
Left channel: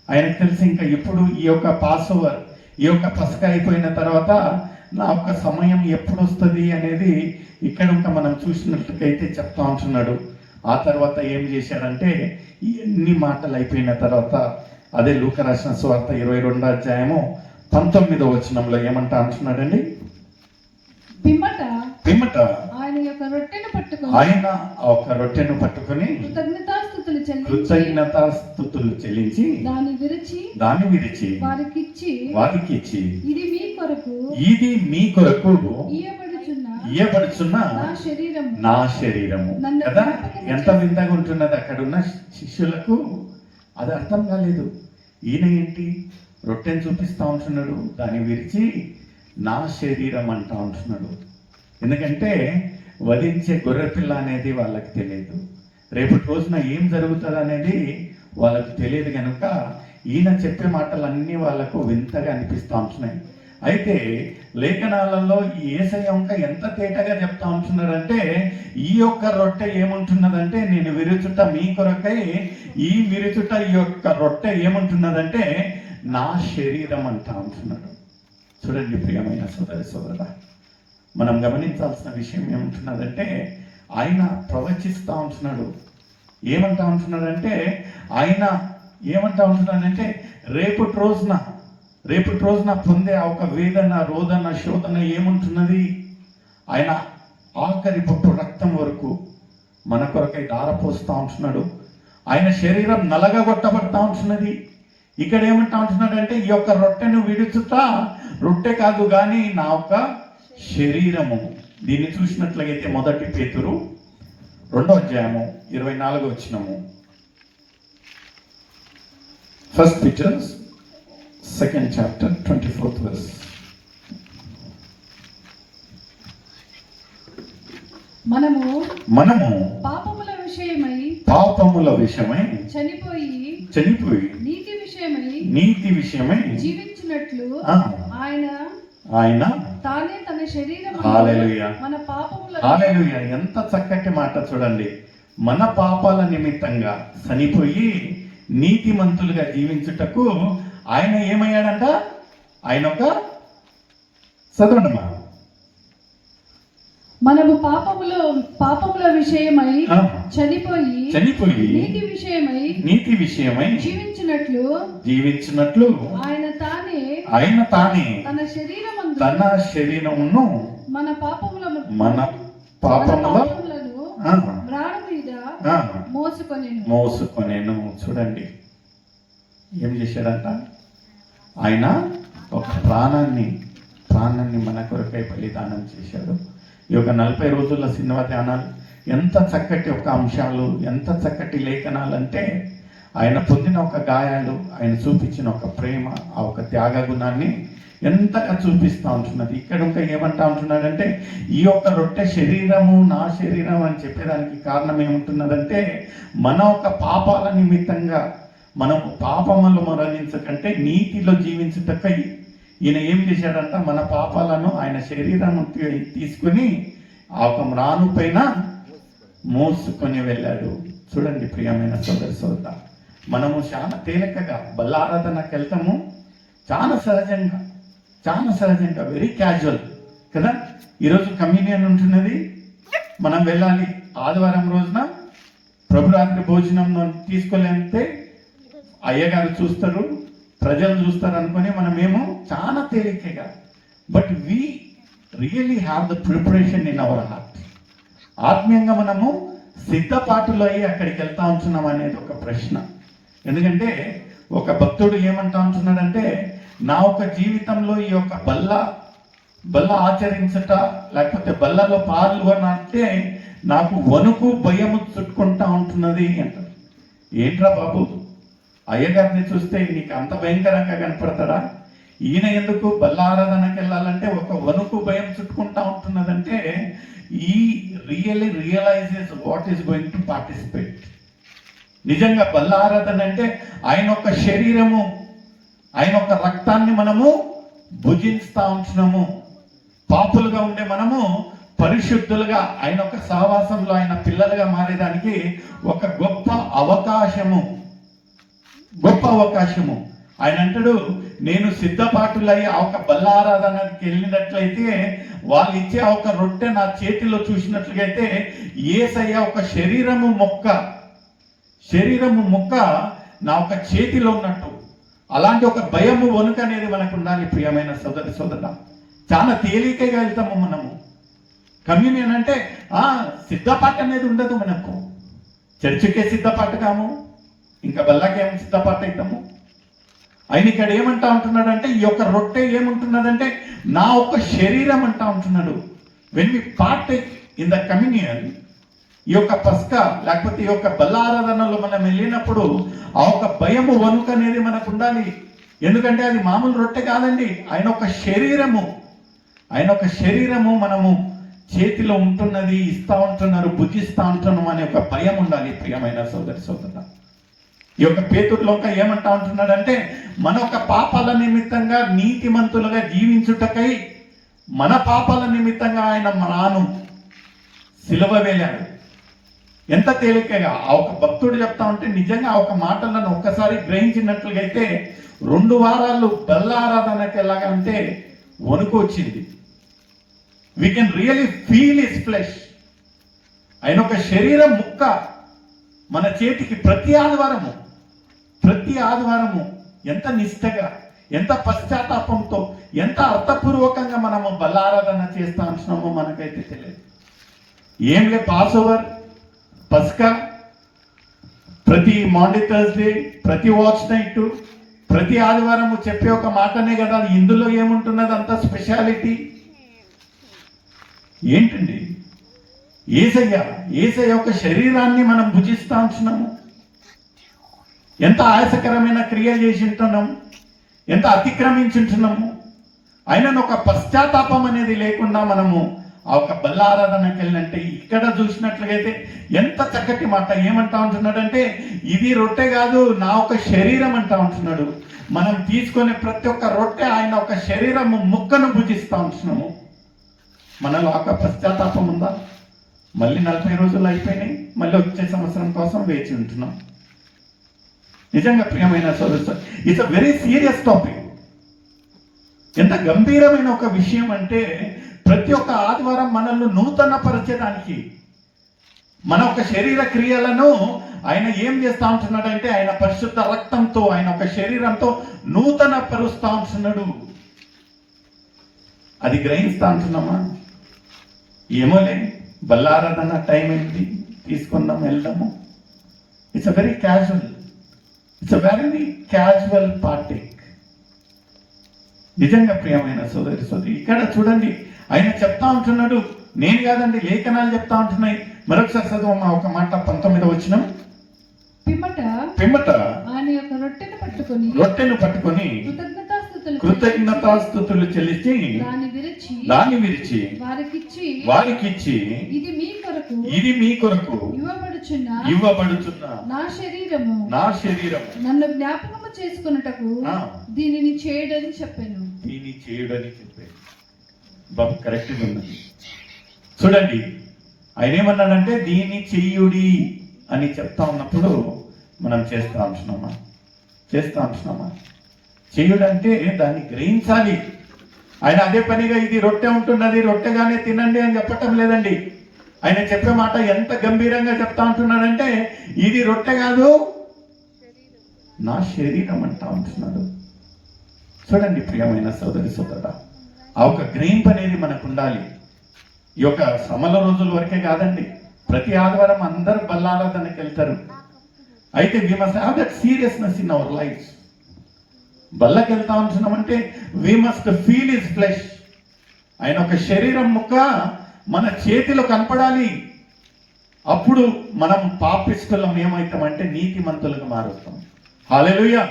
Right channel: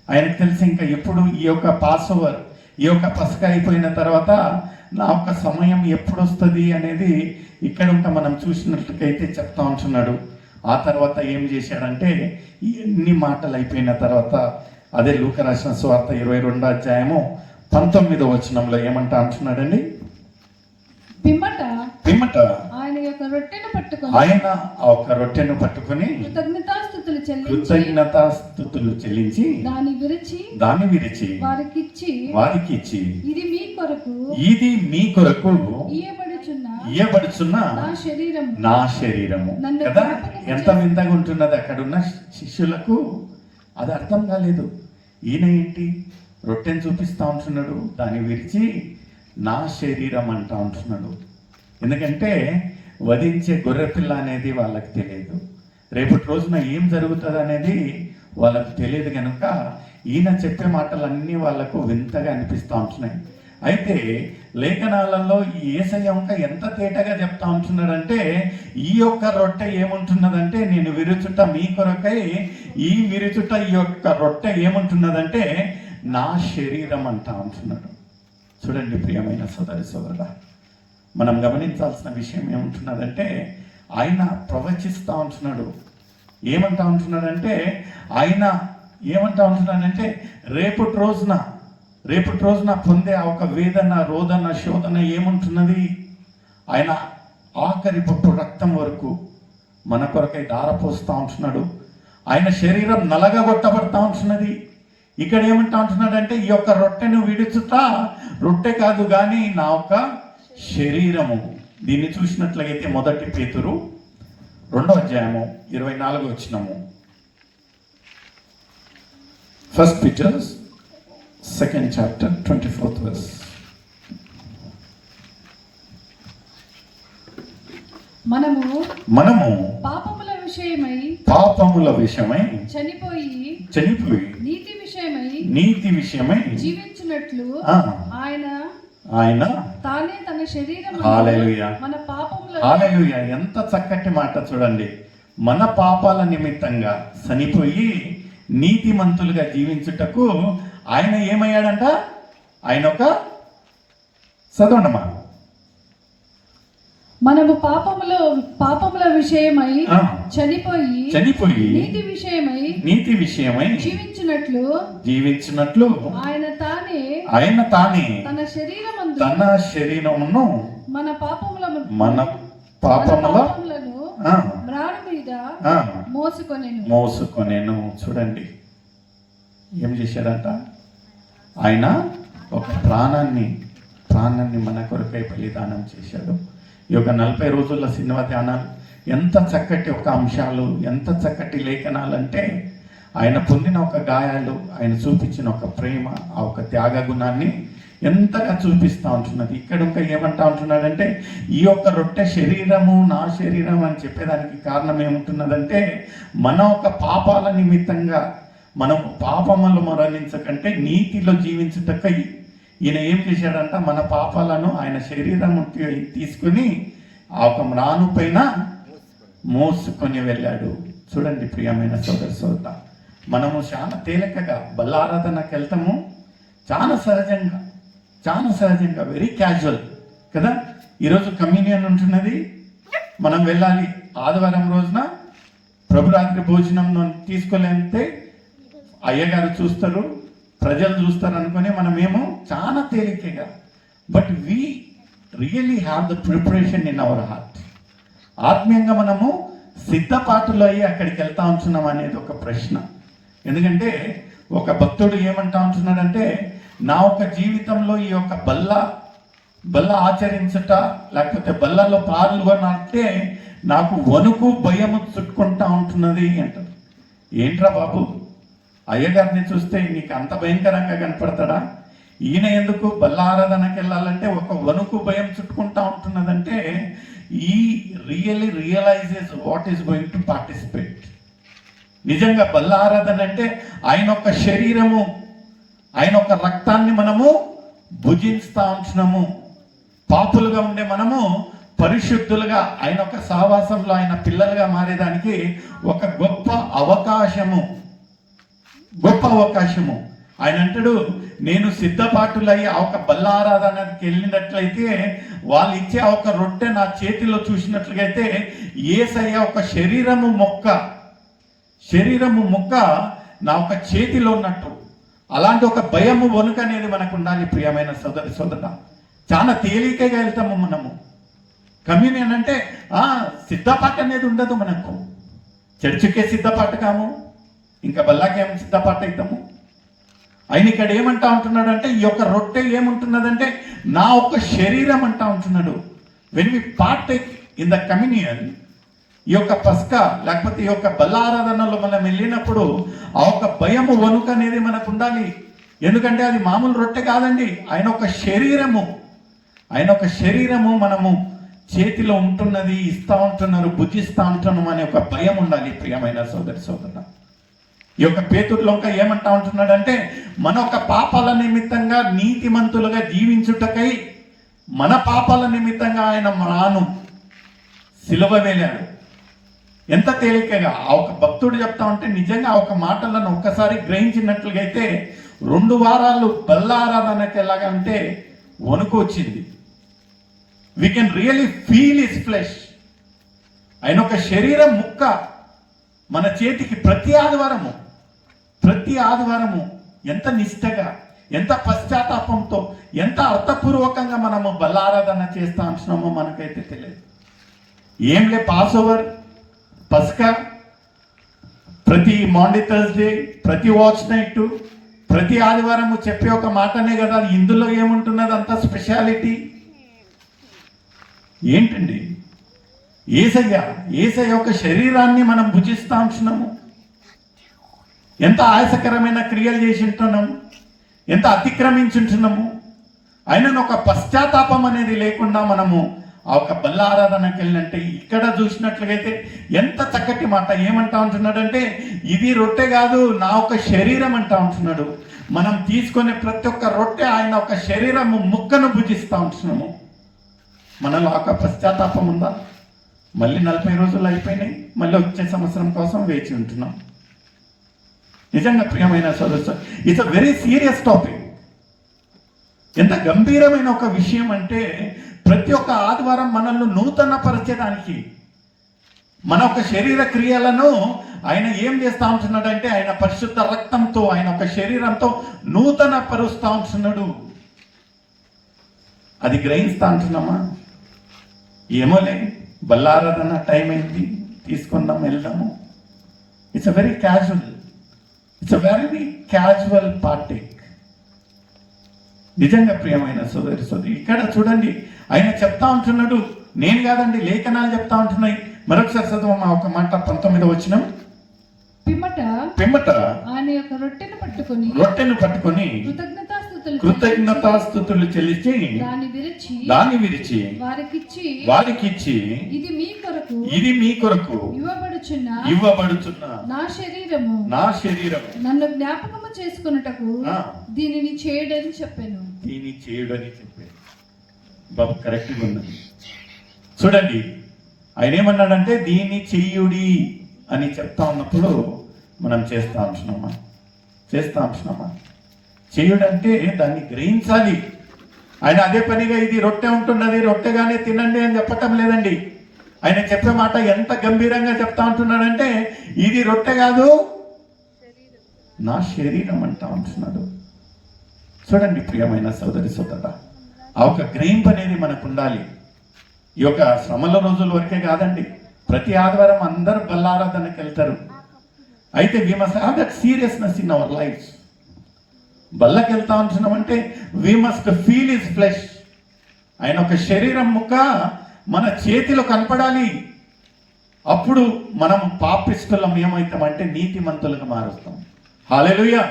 ఆయనకు తెలిసి ఇంకా ఎప్పుడు ఈ యొక్క పాస్ ఓవర్, ఈ యొక్క పసక అయిపోయిన తర్వాత నా ఒక సమయం ఎప్పుడు వస్తుంది అనేది ఇక్కడ ఇంకా మనం చూసినట్లయితే చెప్తా ఉంటున్నాడు. ఆ తర్వాత ఏం చేశాడంటే ఎన్ని మాటలు అయిపోయిన తర్వాత అదే లూకా రాసిన సువార్త 22వ అధ్యాయము 19వ వచనంలో ఏమంటా అంటున్నాడండి, పిమ్మట ఆయన ఒక రొట్టెను పట్టుకొని కృతజ్ఞతాస్తుతులు చెల్లించి దాన్ని విరిచి వారికిచ్చి ఇది మీ కొరకు ఇయ్యబడుచున్న నా శరీరము కదా. ఎంత వింతగా ఉంటున్నది అక్కడున్న శిష్యులకు. అది అర్థం కాలేదు. ఈయన ఏంటి రొట్టెను చూపిస్తా ఉంటున్నాడు, దాన్ని విరిచి నా శరీరం అంటా ఉంటున్నాడు. ఎందుకంటే వధించే గొర్రెపిల్ల అనేది వాళ్ళకి తెలియదు, రేపటి రోజున ఏం జరుగుతుంది అనేది వాళ్ళకు తెలియదు కనుక ఈయన చెప్పే మాటలన్నీ వాళ్ళకు వింతగా అనిపిస్తూ ఉంటున్నాయి. అయితే లేఖనాలలో యేసయ్య ఎంత తేటగా చెప్తా ఉంటున్నాడంటే ఈ యొక్క రొట్టె ఏముంటున్నదంటే నేను విరుచుట మీ కొరకై, ఈ విరుచుట ఈ యొక్క రొట్టె ఏముంటున్నదంటే నా శరీరం అంటా ఉంటున్నాడు. చూడండి ప్రియమైన సోదర, మనం గమనించాల్సిన విషయం ఏముంటున్నదంటే ఆయన ప్రవచిస్తూ ఉంటున్నాడు. ఏమంటా ఉంటున్నాడంటే ఆయన ఏమంటా ఉంటున్నాడంటే రేపటి రోజున పొందే ఒక వేదన, రోదన, శోధన ఏముంటున్నది, ఆయన ఆఖరి పొట్టు రక్తం వరకు మన కొరకై ధారపోస్తూ ఉంటున్నాడు. ఆయన శరీరం నలగగొట్టబడతా ఉంటున్నది. ఇక్కడ ఏమంటా ఉంటున్నాడంటే ఈ యొక్క రొట్టెను విడుచుతా, రొట్టె కాదు కానీ నా యొక్క శరీరము. దీన్ని చూసినట్లయితే 1 పేతురు 2:24 1 Peter 2nd chapter 24th verse. మనము పాపముల విషయమై చనిపోయి నీతి విషయమై జీవించినట్లు ఆయన తానే తన శరీరమును హల్లెలూయా మన పాపముల హల్లెలూయా. ఎంత చక్కటి మాట చూడండి. మన పాపాల నిమిత్తంగా చనిపోయి నీతిమంతులుగా జీవించుటకు ఆయన ఏమయ్యాడంట? ఆయన ఒక చదవడమా, మనము పాపముల విషయమై చనిపోయి నీతి విషయమై జీవించినట్లు ఆయన తానే తన శరీరమును మన పాపములను మ్రాను మీద మోసుకొనేను. చూడండి ఏం చేశాడంట? ఆయన ఒక ప్రాణాన్ని మన కొరకై బలిదానం చేశాడు. ఈ యొక్క 40 రోజుల సినిమా ధ్యానాలు ఎంత చక్కటి ఒక అంశాలు, ఎంత చక్కటి లేఖనాలు అంటే ఆయన పొందిన ఒక గాయాలు, ఆయన చూపించిన ఒక ప్రేమ, ఆ ఒక త్యాగ గుణాన్ని ఎంతగా చూపిస్తూ ఉంటున్నది. ఇక్కడ ఇంకా ఏమంటా ఉంటున్నాడంటే ఈ యొక్క రొట్టె శరీరము నా శరీరం అని చెప్పేదానికి కారణం ఏముంటున్నదంటే మన ఒక పాపాల నిమిత్తంగా మనం పాపములు మరణించకంటే నీతిలో జీవించుటకై ఈయన ఏం చేశాడంట? మన పాపాలను ఆయన శరీరం తీసుకుని ఆ ఒక మ్రాను పైన మోసుకొని వెళ్ళాడు. చూడండి ప్రియమైన సోదర, మనము చాలా తేలికగా బల్లారాధనకు వెళ్తాము, చాలా సహజంగా వెరీ క్యాజువల్ కదా. ఈరోజు కమ్యూనియన్ ఉంటున్నది, మనం వెళ్ళాలి. ఆదివారం రోజున ప్రభురాత్రి భోజనం తీసుకెళ్ళంటే అయ్యగారు చూస్తారు, ప్రజలు చూస్తారు అనుకుని మనమేమో చాలా తేలికగా, but we really have the preparation in our heart. ఆత్మీయంగా మనము సిద్ధపాటులో అయ్యి అక్కడికి వెళ్తా ఉంటున్నాం అనేది ఒక ప్రశ్న. ఎందుకంటే ఒక భక్తుడు ఏమంటా ఉంటున్నాడంటే నా ఒక జీవితంలో ఈ యొక్క బల్ల ఆచరించట లేకపోతే బల్లలో పాల్గొనంటే నాకు వణుకు భయము చుట్టుకుంటా ఉంటున్నది అంటారు. ఏంట్రా బాబు, అయ్యగారిని చూస్తే నీకు అంత భయంకరంగా కనపడతాడా? ఈయన ఎందుకు బల్ల ఆరాధనకి వెళ్ళాలంటే ఒక వణుకు భయం చుట్టుకుంటా ఉంటున్నదంటే ఈ realizes what is going to participate. నిజంగా బల్ల ఆరాధన అంటే ఆయన ఒక శరీరము, ఆయన ఒక రక్తాన్ని మనము భుజిస్తా ఉంటున్నాము. పాపులుగా ఉండే మనము పరిశుద్ధులుగా ఆయన ఒక సహవాసంలో ఆయన పిల్లలుగా మారేదానికి ఒక గొప్ప అవకాశము. ఆయన అంటాడు, నేను సిద్ధపాటులయ్యి ఆ ఒక బల్లారాధనకి వెళ్ళినట్లయితే వాళ్ళు ఇచ్చే ఒక రొట్టె నా చేతిలో చూసినట్లయితే యేసయ్య ఒక శరీరము మొక్క నా ఒక చేతిలో ఉన్నట్టు. అలాంటి ఒక భయము వణుకు అనేది మనకు ఉండాలి. ప్రియమైన సోదర, చాలా తేలికగా వెళ్తాము మనము. కమ్యూనియన్ అంటే సిద్ధపాటు అనేది ఉండదు మనకు. చర్చికే సిద్ధపాటు కాము, ఇంకా బల్లాకేమో సిద్ధపాటు అవుతాము. ఆయన ఇక్కడ ఏమంటా ఉంటున్నాడంటే ఈ యొక్క రొట్టె ఏముంటున్నదంటే నా ఒక శరీరం అంటా ఉంటున్నాడు. When we partake in the communion, ఈ యొక్క పస్కా లేకపోతే ఈ యొక్క బల్లారాధనలో మనం వెళ్ళినప్పుడు ఆ ఒక భయము వణుకు అనేది మనకు ఉండాలి. ఎందుకంటే అది మామూలు రొట్టె కాదండి, ఆయన ఒక శరీరము మనము చేతిలో ఉంటున్నది, ఇస్తా ఉంటున్నారు, భుజిస్తా ఉంటున్నాం అనే ఒక భయం ఉండాలి. ప్రియమైన సోదర, ఈ యొక్క పేతురులో ఏమంటా ఉంటున్నాడంటే మన ఒక పాపాల నిమిత్తంగా నీతిమంతులుగా జీవించుటకై మన పాపాల నిమిత్తంగా ఆయన మ్రాను సిలువ వేలాడు. ఎంత తేలికగా ఆ ఒక భక్తుడు చెప్తా ఉంటే నిజంగా ఆ ఒక మాటలను ఒక్కసారి గ్రహించినట్లుగా అయితే 2 వారాలు బల్లారాధనకి ఎలాగంటే వణుకు వచ్చింది. We can really feel his flesh. ఆయన ఒక శరీరం ముక్క మన చేతికి ప్రతి ఆదివారము ఎంత నిష్టగా, ఎంత పశ్చాత్తాపంతో, ఎంత అర్థపూర్వకంగా మనము బల్లారాధన చేస్తా ఉంటున్నామో మనకైతే తెలియదు. ఏంలే పాస్ ఓవర్, పస్కా, ప్రతి మాండే థర్స్డే, ప్రతి వాచ్ నైట్, ప్రతి ఆదివారం చెప్పే ఒక మాటనే కదా. ఇందులో ఏముంటున్నది అంత స్పెషాలిటీ ఏంటండి? యేసయ్య యొక్క శరీరాన్ని మనం భుజిస్తా ఉంటున్నాము. ఎంత ఆయాసకరమైన క్రియలు చేసి ఉంటున్నాము, ఎంత అతిక్రమించుంటున్నాము. అయినా ఒక పశ్చాత్తాపం అనేది లేకుండా మనము ఆ ఒక బల్ల ఆరాధనకి వెళ్ళినంటే, ఇక్కడ చూసినట్లయితే ఎంత చక్కటి మాట ఏమంటా ఉంటున్నాడంటే, ఇది రొట్టె కాదు నా ఒక శరీరం అంటా ఉంటున్నాడు. మనం తీసుకునే ప్రతి ఒక్క రొట్టె ఆయన ఒక శరీరము ముక్కను భుజిస్తూ ఉంటున్నాము. మనలో ఒక పశ్చాత్తాపం ఉందా? మళ్ళీ 40 రోజులు అయిపోయినాయి, మళ్ళీ వచ్చే సంవత్సరం కోసం వేచి ఉంటున్నాం. నిజంగా ప్రియమైన సోదరు, it's a very serious topic. ఎంత గంభీరమైన ఒక విషయం అంటే, ప్రతి ఒక్క ఆదివారం మనల్ని నూతన పరచడానికి, మన ఒక శరీర క్రియలను ఆయన ఏం చేస్తా ఉంటున్నాడంటే, ఆయన పరిశుద్ధ రక్తంతో, ఆయన ఒక శరీరంతో నూతన పరుస్తా ఉంటున్నాడు. అది గ్రహిస్తా ఉంటున్నామా? ఏమోలే, బల్లారాధన టైం ఏంటి, తీసుకుందాం, వెళ్దాము. It's a very casual party. నిజంగా ప్రియమైన సోదరి, ఇక్కడ చూడండి, ఆయన చెప్తా ఉంటున్నాడు. నేను కాదండి, లేఖనాలు చెప్తా ఉంటున్నాయి. మరొకసారి చదువు ఒక మాట, 19వ వచనం. పిమ్మట ఆయన యొక్క రొట్టెను పట్టుకొని కృతజ్ఞతాస్తుతులు చెల్లించి దాన్ని విరిచి వారికిచ్చి ఇది మీ కొరకు ఇవ్వబడుచున్న నా శరీరము నన్ను జ్ఞాపకము చేసుకొనుటకు దీనిని చేయడని చెప్పాను. బాబు కరెక్ట్గా ఉన్నది. చూడండి, ఆయన ఏమన్నాడంటే దీన్ని చెయ్యుడి అని చెప్తా ఉన్నప్పుడు మనం చేస్తా ఉంటున్నామా? చేయుడంటే దాన్ని గ్రహించాలి. ఆయన అదే పనిగా ఇది రొట్టె ఉంటున్నది, రొట్టెగానే తినండి అని చెప్పటం లేదండి. ఆయన చెప్పే మాట ఎంత గంభీరంగా చెప్తా ఉంటున్నాడంటే, ఇది రొట్టె కాదు నా శరీరం అంటా ఉంటున్నాడు. చూడండి ప్రియమైన సోదరుడా, ఆ ఒక గ్రహింపు అనేది మనకు ఉండాలి. ఈ యొక్క శ్రమల రోజుల వరకే కాదండి, ప్రతి ఆదివారం అందరూ బల్లారాధనకి వెళ్తారు. అయితే we must have that seriousness in our life. బల్లకి వెళ్తా ఉంటున్నామంటే we must feel his flesh. ఆయన ఒక శరీరం ముక్క మన చేతిలో కనపడాలి. అప్పుడు మనం పాపిస్తులం ఏమవుతామంటే నీతిమంతులుగా మారుస్తాం. హల్లెలూయా.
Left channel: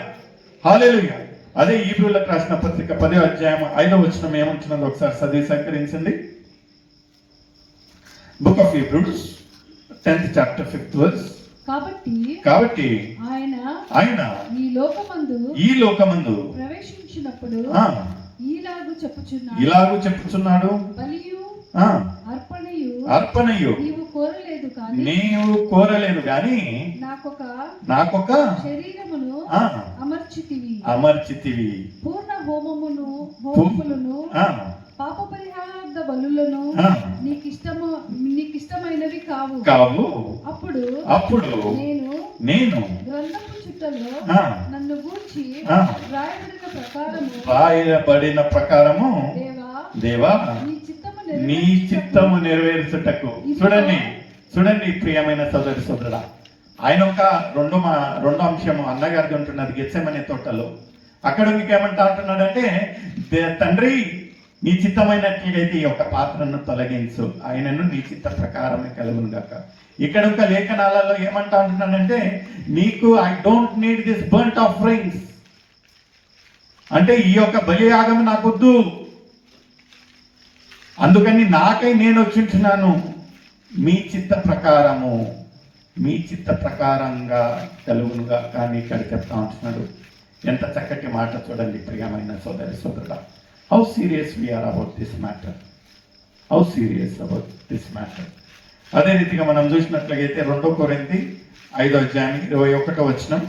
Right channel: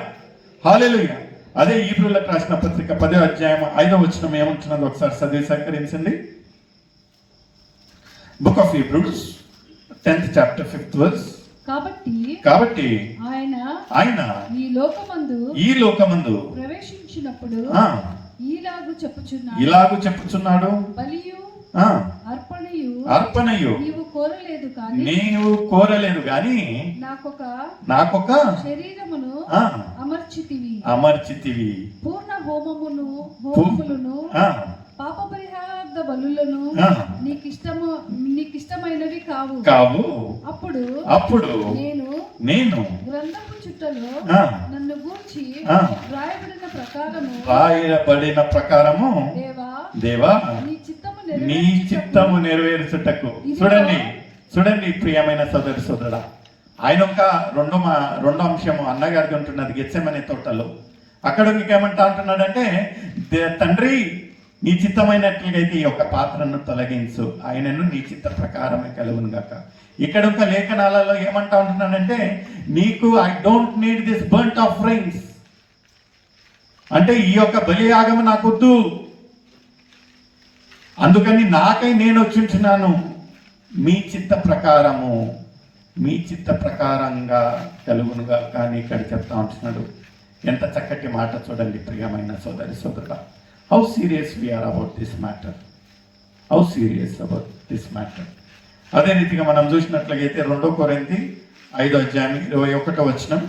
అదే హీబ్రూలకు రాసిన పత్రిక 10వ అధ్యాయం 5వ వచనం ఏమంటున్నది ఒకసారి చదివి సహకరించండి. Book of Hebrews 10th chapter 5th verse. కాబట్టి ఆయన ఈ లోకమందు ప్రవేశించినప్పుడు ఇలాగు చెప్పుచున్నాడు, అర్పణయు నీవు కోరలేదు గాని నాకొక శరీరమును అమర్చితివి, పూర్ణ హోమములను పాప పరిహారార్థ బలులను నీకిష్టమైనవి కావు. అప్పుడు నేను గ్రంథపు చుట్టలో నన్ను గూర్చి రాయబడిన ప్రకారము దేవా నీ చిత్తము నెరవేర్చుటకు. చూడండి ప్రియమైన సోదరుడా, ఆయన ఒక రెండో అంశము అన్నగారికి ఉంటున్నది గెత్సెమనే తోటలో. అక్కడ ఇంకేమంటా అంటున్నాడంటే, తండ్రి నీ చిత్తమైనట్లయితే ఈ యొక్క పాత్రను తొలగించు, ఆయనను నీ చిత్త ప్రకారమే కలుగును గాక. ఇక్కడ ఒక లేఖనాలలో ఏమంటా ఉంటున్నాడంటే, నీకు I don't need this burnt offerings, అంటే ఈ యొక్క బలియాగము నాకొద్దు, అందుకని నాకై నేను వచ్చింటున్నాను, మీ చిత్త ప్రకారంగా కలుగునుగా. కానీ ఇక్కడ చెప్తా ఉంటున్నాడు. ఎంత చక్కటి మాట చూడండి ప్రియమైన సోదరుడా. How serious we are about this matter. అదే రీతిగా మనం చూసినట్లయితే 2 కొరింథీ 5వ అధ్యాయం 21వ వచనం.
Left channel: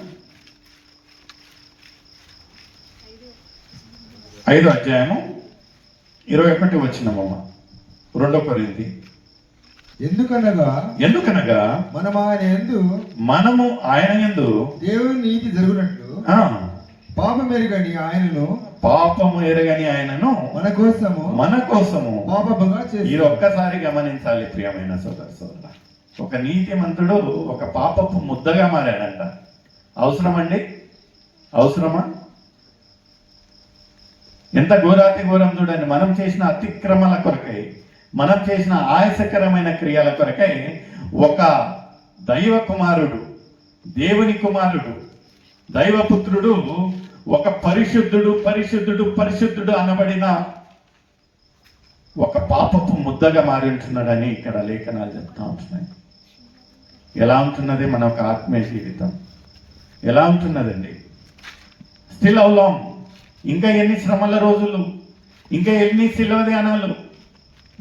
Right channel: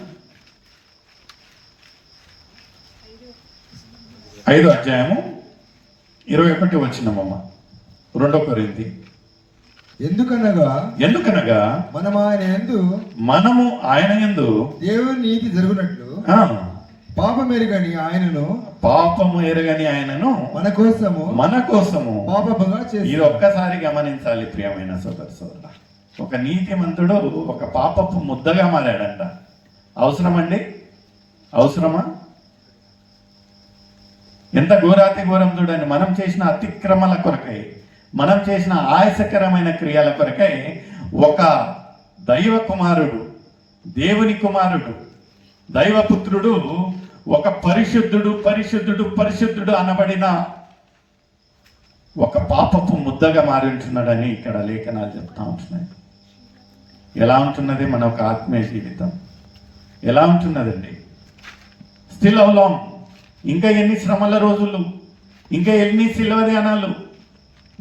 5వ అధ్యాయము 21వ వచనం అమ్మ. 2 కొరింథీ. ఎందుకనగా మనము ఆయన యందు దేవుని నీతి జరుగునట్లు పాపము ఎరగని ఆయనను మన కోసము పాపముగా చేసి. ఇది ఒక్కసారి గమనించాలి ప్రియమైన సోదరుడా. ఒక నీతిమంతుడు ఒక పాపపు ముద్దగా మారాడంట. అవసరమండి? అవసరమా? ఎంత ఘోరాతి ఘోరం చూడండి. మనం చేసిన అతిక్రమల కొరకై, మనం చేసిన ఆయాసకరమైన క్రియల కొరకై ఒక దైవ కుమారుడు, దేవుని కుమారుడు, దైవపుత్రుడు, ఒక పరిశుద్ధుడు పరిశుద్ధుడు పరిశుద్ధుడు అనబడిన ఒక పాపపు ముద్దగా మారి ఉంటున్నాడని ఇక్కడ లేఖనాలు చెప్తా ఉంటున్నాయి. ఎలా ఉంటున్నది మన ఒక ఆత్మీయ జీవితం? ఎలా ఉంటున్నదండి? Still how long? ఇంకా ఎన్ని శ్రమల రోజులు, ఇంకా ఎన్ని శిలువ ధ్యానాలు?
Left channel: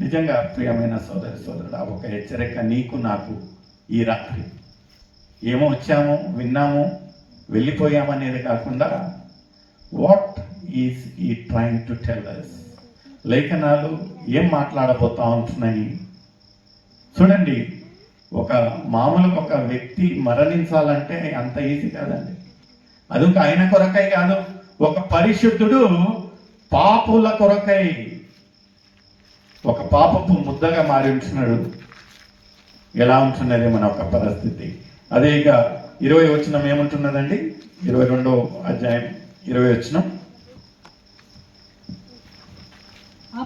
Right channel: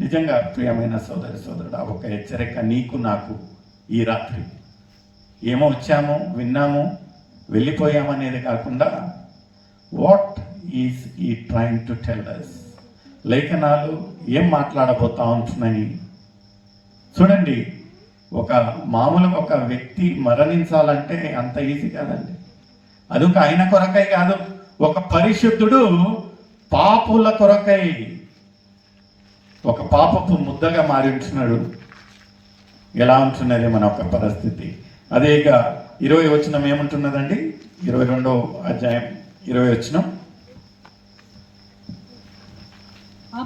నిజంగా ప్రియమైన సోదరుడా, ఒక హెచ్చరిక నీకు నాకు ఈ రాత్రి. ఏమో వచ్చాము, విన్నాము, వెళ్ళిపోయామనేది కాకుండా వాట్ ఈస్ ఈ ట్రైంగ్ టు టెల్ అస్? లేఖనాలు ఏం మాట్లాడబోతా ఉంటున్నాయి చూడండి. ఒక మామూలుగా ఒక వ్యక్తి మరణించాలంటే అంత ఈజీ కాదండి. అది ఒక ఆయన కొరకై కాదు, ఒక పరిశుద్ధుడు పాపుల కొరకై ఒక పాపపు ముద్దగా మారి ఉంటున్నాడు. ఎలా ఉంటున్నది మన ఒక పరిస్థితి? అదే ఇక 20 వచనం ఏముంటున్నదండి? 22వ అధ్యాయం 20 వచనం. ఆ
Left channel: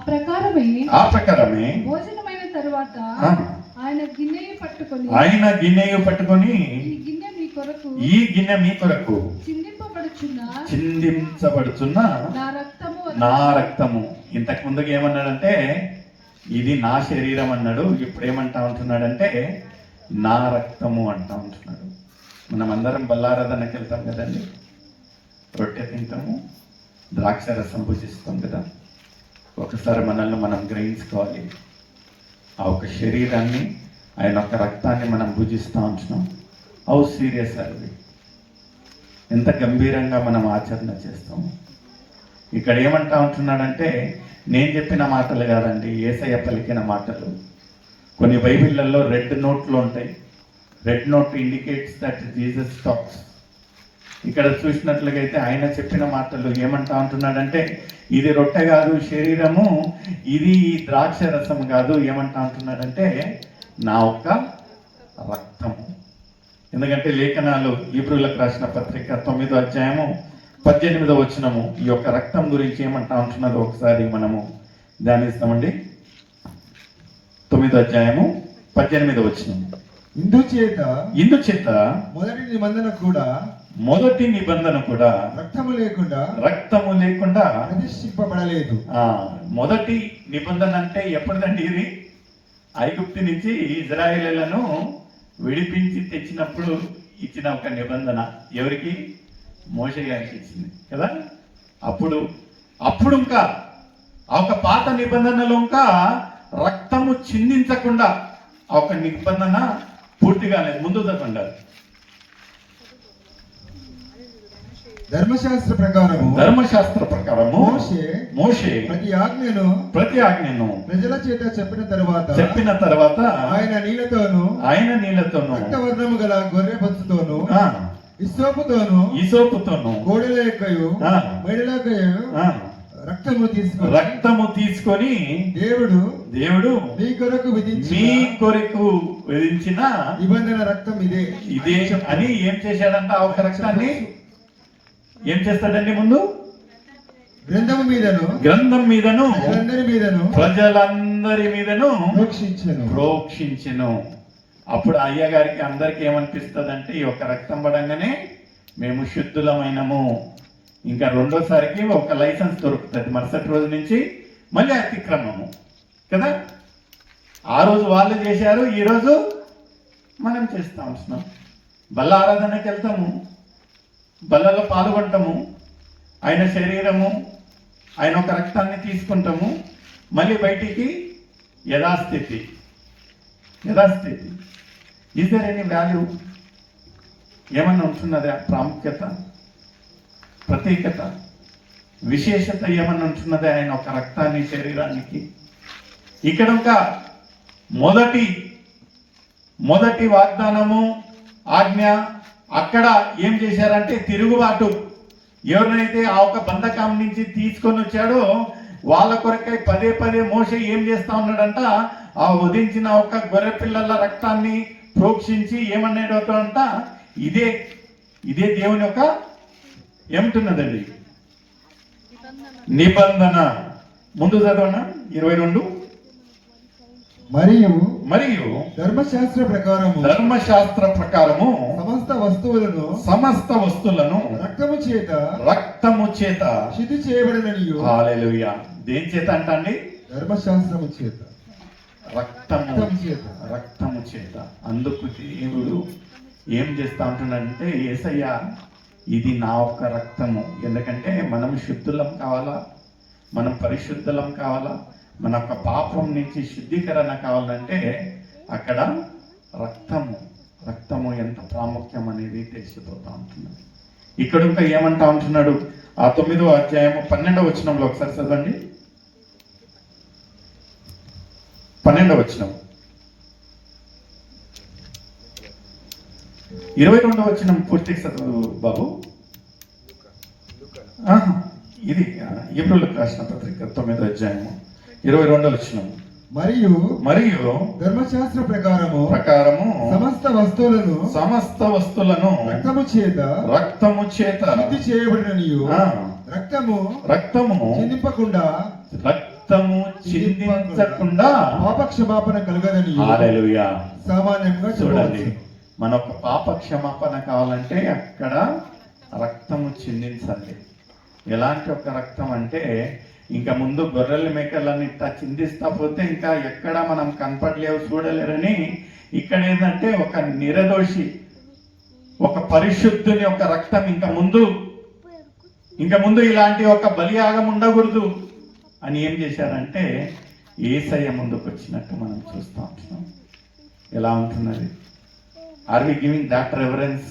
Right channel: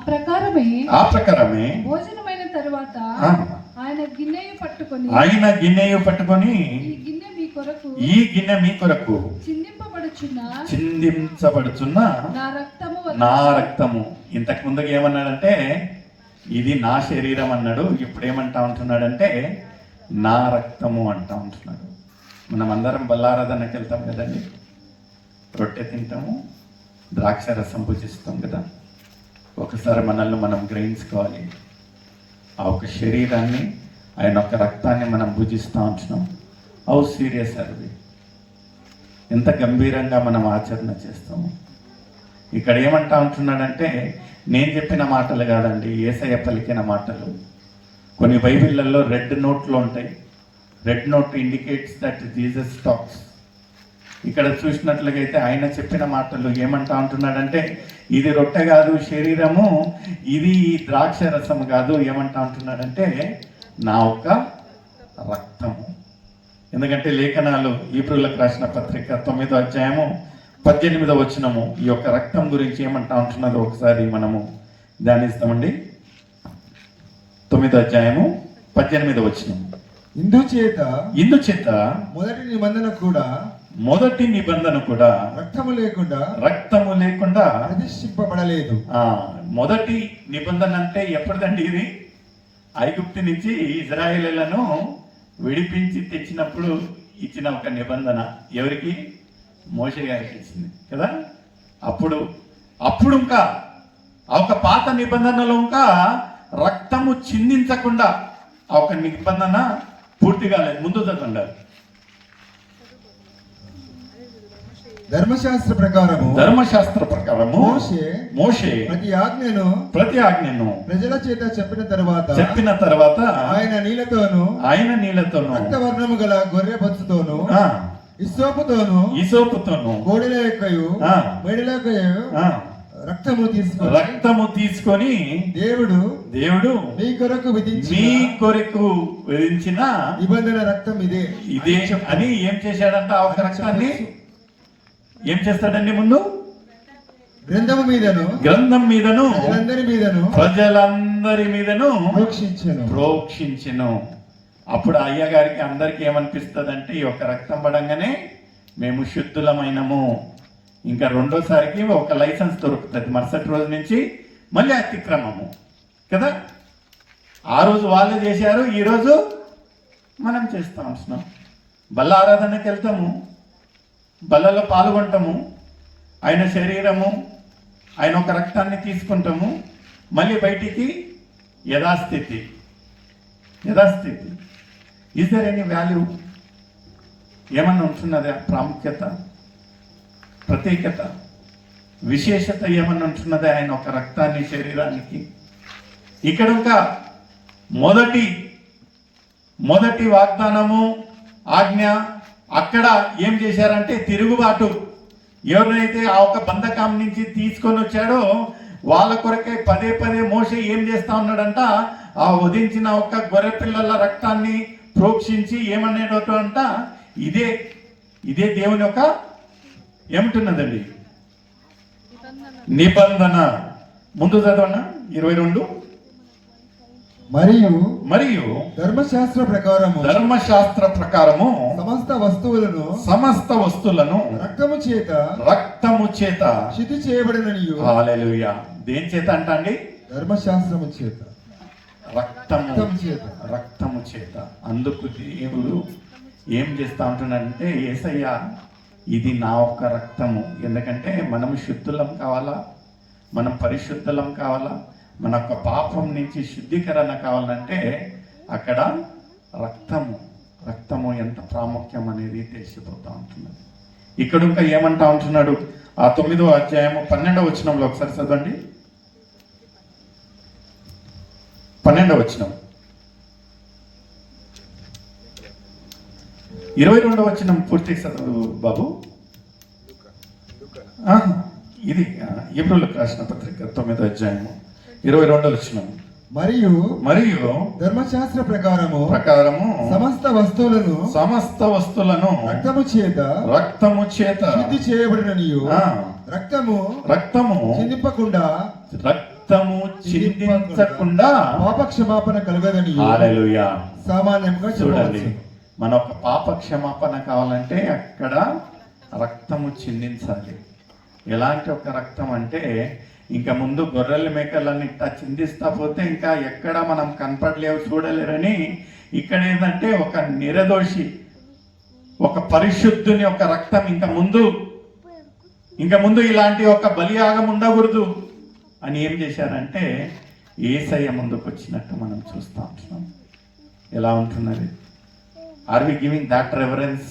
ప్రకారమే భోజనమైన తరువాత ఆయన గిన్నెయు పట్టుకొని ఈ గిన్నె మీ కొరకు చిందించబడుచున్న నా రక్తము. ఇంతకు ముందుగా ఏమన్నాడంటే ఇది నా శరీరం అన్నాడు. ఇప్పుడు ఏమంటా ఉంటున్నాడంటే నా రక్తము అంటా ఉంటున్నాడు. మనం అందరం బల్లారాధనకి వెళ్తాం కదండి, రొట్టె తింటాము, ద్రాక్ష రసం భుజిస్తాం కదా. ఒకసారి మనల్ని మనం గ్రహించుకోవాలి. ఆ ఒక శరీరాన్ని, ఆయన ఒక రక్తాన్ని మనం భుజిస్తూ ఉంటున్నాం. హౌ సీరియస్ అది, ఎంత గంభీరంగా మనం ఆచరణ చేస్తాము. ఇక్కడ ఏమంటా ఉంటున్నాడంటే నేను చెప్పిన మాటలు కాదండి, యేసయ్య పలికిన మాటలు. కొన్ని బైబిళ్ళల్లో రెడ్ నోట్లు ఉంటాయి. Red note indicates that Jesus talks. ఇక్కడ చూసినట్లయితే ఆయన చెప్పిన మాటలు ఏమంటా ఉంటున్నాడంటే ఇది రొట్టె కాదు శరీరము, ఇది ద్రాక్ష రసం కాదు. ఏమంటా ఉంటున్నాడంటే నా యొక్క రక్తము. ఎందుకంటే లేఖనాలు హీబ్రూలకు రాసిన పత్రిక 9వ అధ్యాయము 18వ వచనము ఈ యొక్క రక్తం గురించి ఏమంటా ఉంటున్నదో ఒకసారి మనము ధ్యానిస్తామండి. 9వ అధ్యాయము 18వ వచనం. ఇందుచేత మొదటి నిబంధన కూడా రక్తము లేకుండా ప్రతిష్ఠింపబడలేదు. మొదటి నిబంధన అంటే ఎప్పటిదండి? ఇది ఐగుప్తు నుంచి ఇజ్రాయేలీలను విడిపించి తెచ్చినప్పుడు ఇచ్చిన ఒక నిబంధన. ఎవరికి? మోషే గారికి ఇచ్చింది కదా. అప్పుడు ఇంకా ఆ ఒక పాత నిబంధనలో ఇంకా రక్తము చిందించకుండా ఆ ఒక నిబంధన పూర్తి కాలేదు. ముందు ఉండాలి. ధర్మశాస్త్ర ప్రకారము మోషే ప్రతి ఆజ్ఞను ప్రజల చేత చెప్పిన తర్వాత ఆయన నీళ్లతోను రక్తవర్ణము గల గొర్రె బొచ్చుతోను ఇసోపుతోను కోడెల యొక్కయు మెడల యొక్కయు రక్తము తీసుకొని దేవుడు మీ కొరకు విధించిన నిబంధన రక్తం ఇదే అని ఏం చేశాడంట? ఆ ఒక రక్తాన్ని ఏం చేస్తాడండి? ముందు గ్రంథం మీదను ప్రజలందరి మీదను ప్రోక్షించెను. అప్పుడు అయ్య గారికి అందరికి ఏమనిపిస్తుందంటే ఈ ఒక రక్తం పడంగానే మేము శుద్ధులమైనము. ఇంకా రెండోసారికి ఒక లైసెన్స్ దొరుకుతుంది. మరుసటి రోజు నుంచి మళ్ళీ అతిక్రమము కదా. ఆ రోజు వాళ్ళు చేశారు, ఈ రోజు మనం చేస్తా ఉంటున్నాం. బల్ల ఆరాధనకి వెళ్తాము, బల్లలో పాల్గొంటాము, ఆయన శరీరము, ఆయన ఒక రక్తాన్ని తీసుకుంటాము, మళ్ళీ బయటికి యథాస్థితి. Is there any value? ఏమన్నా ఉంటున్నదా? ప్రాముఖ్యత, ప్రత్యేకత, విశేషత ఏమన్నా ఉంటున్నదా ఆయన ఒక రక్తాన్ని, శరీరానికి? ఇక్కడ ఒక మొదటి వాగ్దానము, ఆజ్ఞ. అక్కడ ఏం చేశారంటే తిరుగుబాటు. ఎవరినైతే ఆ ఒక బంధకం నుంచి తీసుకొని వచ్చాడో వాళ్ళ కొరకై పదే మోషే ఏం చేస్తా ఉన్నాడంట? ఆ వధించిన ఒక గొర్రె పిల్లల రక్తాన్ని ప్రోక్షించి ఏమనేటో అంట, ఇదే ఇదే దేవుని యొక్క ఏమంటున్నదండి నిబంధన. ముందు చదవనా 22. మరియు మరియు ధర్మశాస్త్ర ప్రకారము సమస్త వస్తువులను రక్తము చేత శుద్ధి చేయబడిననియు. హల్లెలూయా. దేని చేత అంటండి? ధర్మశాస్త్రము చేత, రక్తము చేత. అందుకు దేవుడు ఏం చేస్తా ఉంటున్నాడంటే, యేసయ్య ఇది నా ఒక్క రక్తము. ఎందుకంటే మనం శుద్ధులం కావాలా, మనం పరిశుద్ధులం కావాలా, మన యొక్క పాపం నుంచి శుద్ధీకరణ కావాలంటే అక్కడ రక్తము ఎంత ప్రాముఖ్యం అనేది తెలిసిపోతా ఉంటున్నది. ఇక్కడ ఇంకా ఏమంటా ఉంటున్నాడు? ఆ 9వ అధ్యాయము 12వ వచనంలో ఒకసారి చదవండి. 12వ వచనం, 22వ వచనం పూర్తి చదువు బాబు. ఇది హెబ్రీయులకు రాసిన పత్రిక 9వ అధ్యాయము 22వ వచనం. మరియు ధర్మశాస్త్ర ప్రకారము సమస్త వస్తువులను రక్తము చేత శుద్ధి చేయబడిననియు. రక్తము చిందించకుండా పాపక్షమాపణ కలుగదనియు. హల్లెలూయా. సామాన్యంగా చూడండి, మన ఒక పాప క్షమాపణ కావాలంటే అక్కడ రక్తము చిందించాలి. ఎలాంటి ఒక రక్తం అంటే, ఇంకా ముందు గొర్రెల మేకలన్నీ ఇట్లా చిందిస్తా పోతే ఇంకా ఎక్కడ మనం కనపడలేవు, చూడలేరని ఇక్కడ ఏంటంటే ఒక నిర్దోషి, ఒక పరిశుద్ధుని ఒక రక్తం ఇంకా ముందు ఇలాంటి ఒక బలియాగం ఉండకూడదు అని ఏం చేశారంటే యేసయ్య ముందుకు వచ్చినట్టు మనం చూస్తూ ఉంటున్నాం. ఎలా ఉంటున్నది? Are we giving that reference?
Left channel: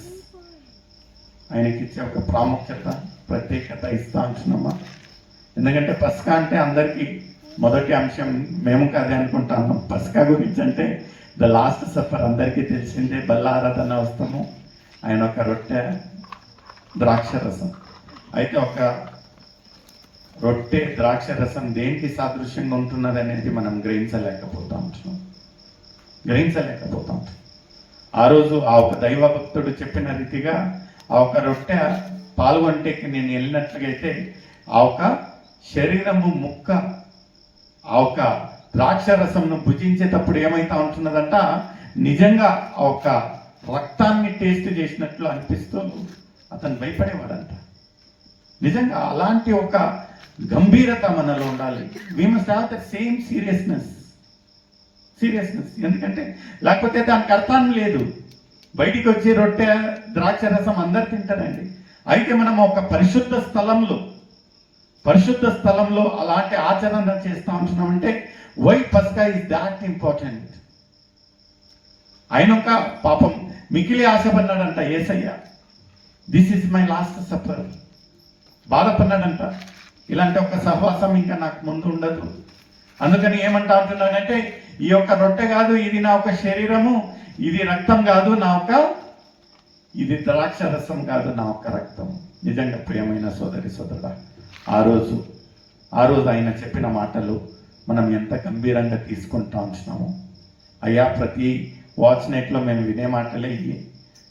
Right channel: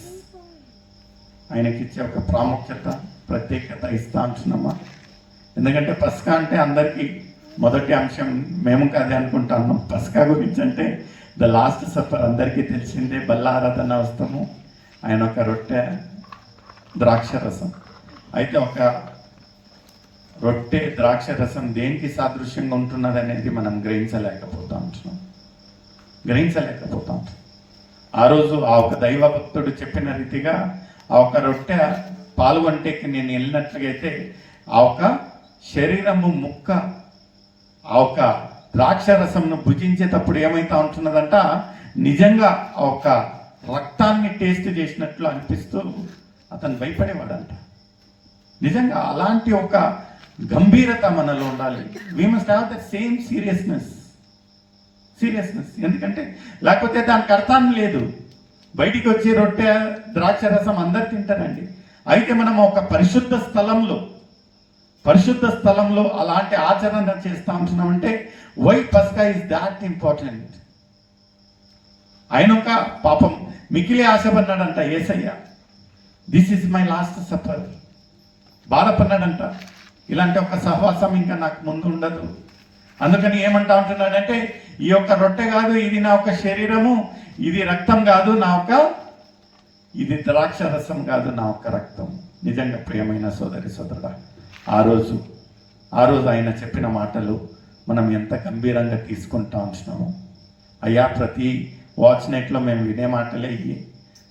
ఆయనకి ఇచ్చే ఒక ప్రాముఖ్యత, ప్రత్యేకత ఇస్తా ఉంటున్నామా? ఎందుకంటే పస్కా అంటే అందరికీ మొదటి అంశం, మేము కాదే అనుకుంటాము. పస్కా గురించి అంటే ద లాస్ట్ సఫర్ అందరికీ తెలిసిందే. బల్ల ఆరాధన వస్తాము, ఆయన ఒక రొట్టె ద్రాక్ష రసం. అయితే ఒక రొట్టె ద్రాక్ష రసం దేనికి సాదృశ్యంగా ఉంటున్నది అనేది మనం గ్రహించలేకపోతా ఉంటున్నాం. ఆ రోజు ఆ ఒక దైవ భక్తుడు చెప్పిన రీతిగా ఆ ఒక రొట్టె పాల్గొంటేకి నేను వెళ్ళినట్లయితే ఆ ఒక శరీరము ముక్క ఆ ఒక ద్రాక్ష రసంను భుజించేటప్పుడు ఏమైతా ఉంటున్నదంట, నిజంగా ఆ ఒక రక్తాన్ని టేస్ట్ చేసినట్లు అనిపిస్తూ అతను భయపడేవాడంట. నిజంగా అలాంటి ఒక గంభీరత మనలో ఉండాలి. We must have the same seriousness. ఎందుకంటే లేకపోతే దానికి అర్థాన్ని లేదు. బయటికి వచ్చి రొట్టె ద్రాక్ష రసం అందరు తింటారండి. అయితే మనం ఒక పరిశుద్ధ స్థలంలో అలాంటి ఆచరణ చేస్తా ఉంటున్నామంటే వై పస్కా ఇస్ దాట్ ఇంపార్టెంట్. ఆయన ఒక పాపం మికిలి ఆశపడ్డాడంట యేసయ్య. This is my last supper. బాధపడ్డాడంట, ఇలాంటి ఒక సహవాసం ఇంకా నాకు ముందు ఉండదు. అందుకని ఏమంటా ఉంటున్నాడంటే, ఈ యొక్క రొట్టె కాదు, ఇది నా ఒక శరీరము, ఇది రక్తం కాదు, ఇది ద్రాక్ష రసం కాదు, నా ఒక రక్తం. నిజంగా ప్రియమైన సోదరి సోదరుడా, ఆ రోజు ఆయన చెప్పిన మాటలు మనం ఎంత గంభీరంగా తీసుకుంటా ఉంటున్నాము. అయ్యా, ప్రతి వాచ్ నైట్లో మేము వినే మాటలే ఇవి.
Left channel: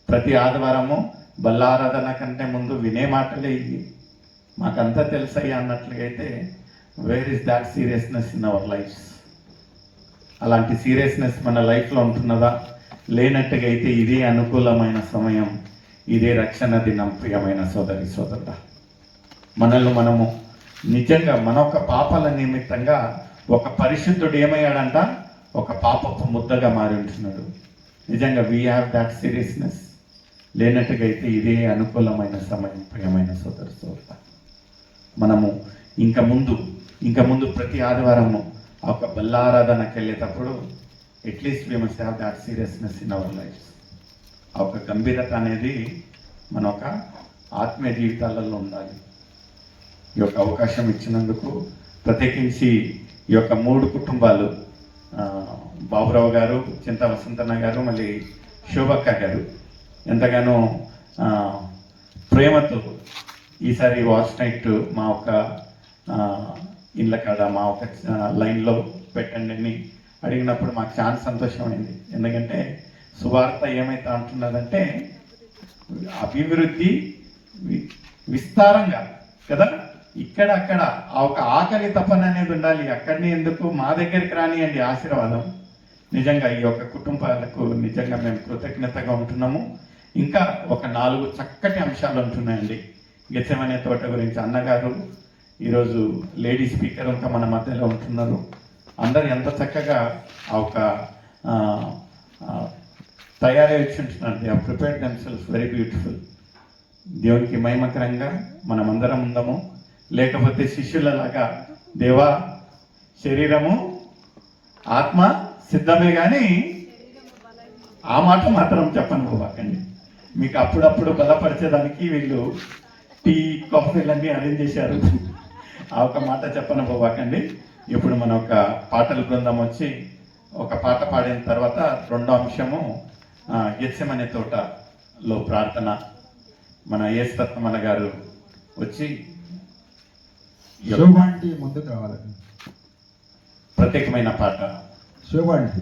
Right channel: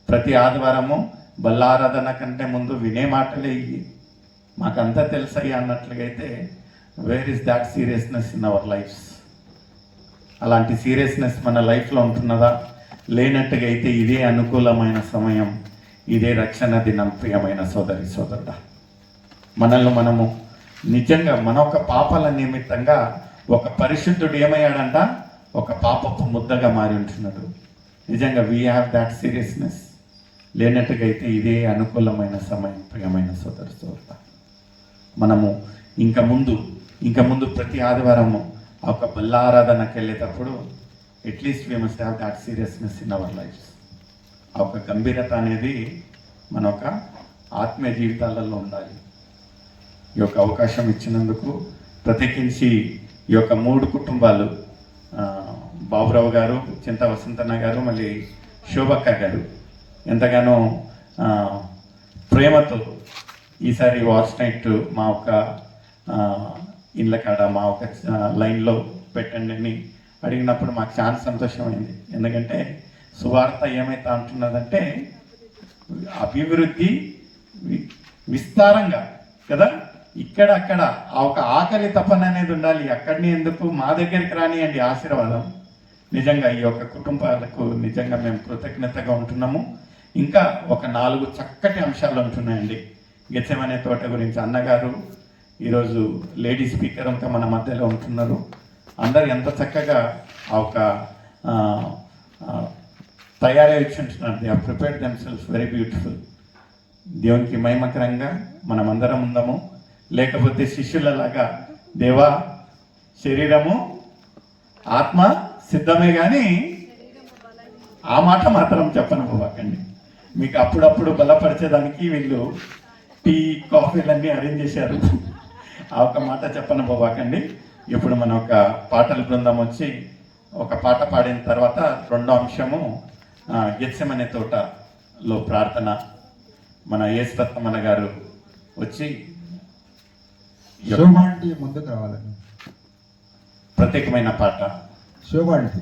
ప్రతి ఆదివారము బల్లారాధన కంటే ముందు వినే మాటలే ఇవి. మాకంతా తెలుసయ్యా అన్నట్లుగా అయితే where is that seriousness in our lives? అలాంటి సీరియస్నెస్ మన లైఫ్లో ఉంటున్నదా? లేనట్టుగా అయితే ఇదే అనుకూలమైన సమయం, ఇదే రక్షణ దినం. ప్రియమైన సోదరి సోదరుడా, మనల్ని మనము నిజంగా మన ఒక పాపాల నిమిత్తంగా ఒక పరిశుద్ధుడు ఏమయ్యాడంట, ఒక పాపపు ముద్దగా మారి ఉంటున్నాడు. నిజంగా వీ హ్యావ్ దాట్ సీరియస్నెస్. లేనట్టుగా అయితే ఇదే అనుకూలమైన సమయం. ప్రియమైన సోదరి సోదరుడా, మనము ఇంకా ముందు ప్రతి ఆదివారము ఒక బల్లారాధనకి వెళ్ళేటప్పుడు at least we must have that seriousness in our life. ఆ ఒక గంభీరత అనేది మన ఒక ఆత్మీయ జీవితాలలో ఉండాలి. ఈ యొక్క అవకాశం ఇచ్చినందుకు ప్రత్యేకించి ఈ యొక్క 3 కుటుంబాలు, బాబురావు గారు, చింతా వసంతన్న గారు, మళ్ళీ శోభక్క గారు ఎంతగానో ప్రేమతో ఈసారి వాచ్ నైట్ మా ఒక ఇళ్ళ కాడ మా ఒక లైన్లో పెట్టండి అని అడిగినప్పుడు మాకు చాలా సంతోషమైంది. ఎందుకంటే సువార్త ఏమైతే అంటున్నదంటే అభివృద్ధి విస్తారంగా కదా, ఇక్కడ అక్కడ ఆ ఒక ఆకలి తపన అనేది ఉండాలి. అక్కడిని ఎందుకు మా దగ్గరికి రానియండి ఆశీర్వాదం. నిజంగా ఈ యొక్క కుటుంబాలకు నిజంగా మేము కృతజ్ఞతగా ఉంటున్నాము. ఇంకా ఒక 4 చక్కటి అంశాలు ఉంటున్నాయండి. గెత్సెమనే తోట గురించి అన్నగారు, ఈరోజు లేడీ స్పీకర్ ఇంకా మన మధ్యలో ఉంటున్నారు. అందరు ఎంత చక్కగా ఆ ఒక తయారీ వచ్చి ఉంటున్నారు. They have prepared themself very beautiful. దేవునికి మహిమకరంగా మనం అందరం ఉందాము. లేకపోతే శిష్యులలాగా దేవా శరీరము ఆత్మ సిద్ధమే కానీ ఆ మాట మాత్రం చెప్పను పోవాకండి. మీకు అప్పుడప్పుడు బలపరిచేదానికి వీళ్ళు టీ కాఫీలన్నీ అరేంజ్ చేశారు. ఆ ఒక మాట చెప్పను పోవాకండి. ఇప్పుడు మన ఒక పాటల బృందం వచ్చి ఒక పాట పాడిన తర్వాత రెండో అంశము గెత్సెమనే తోటలో ప్రార్థన. మన యేసురత్నమన్న గారు వచ్చి శోభాంటి ముందుకు రావాలండి. ప్రత్యేకమైన పాట శోభాంటి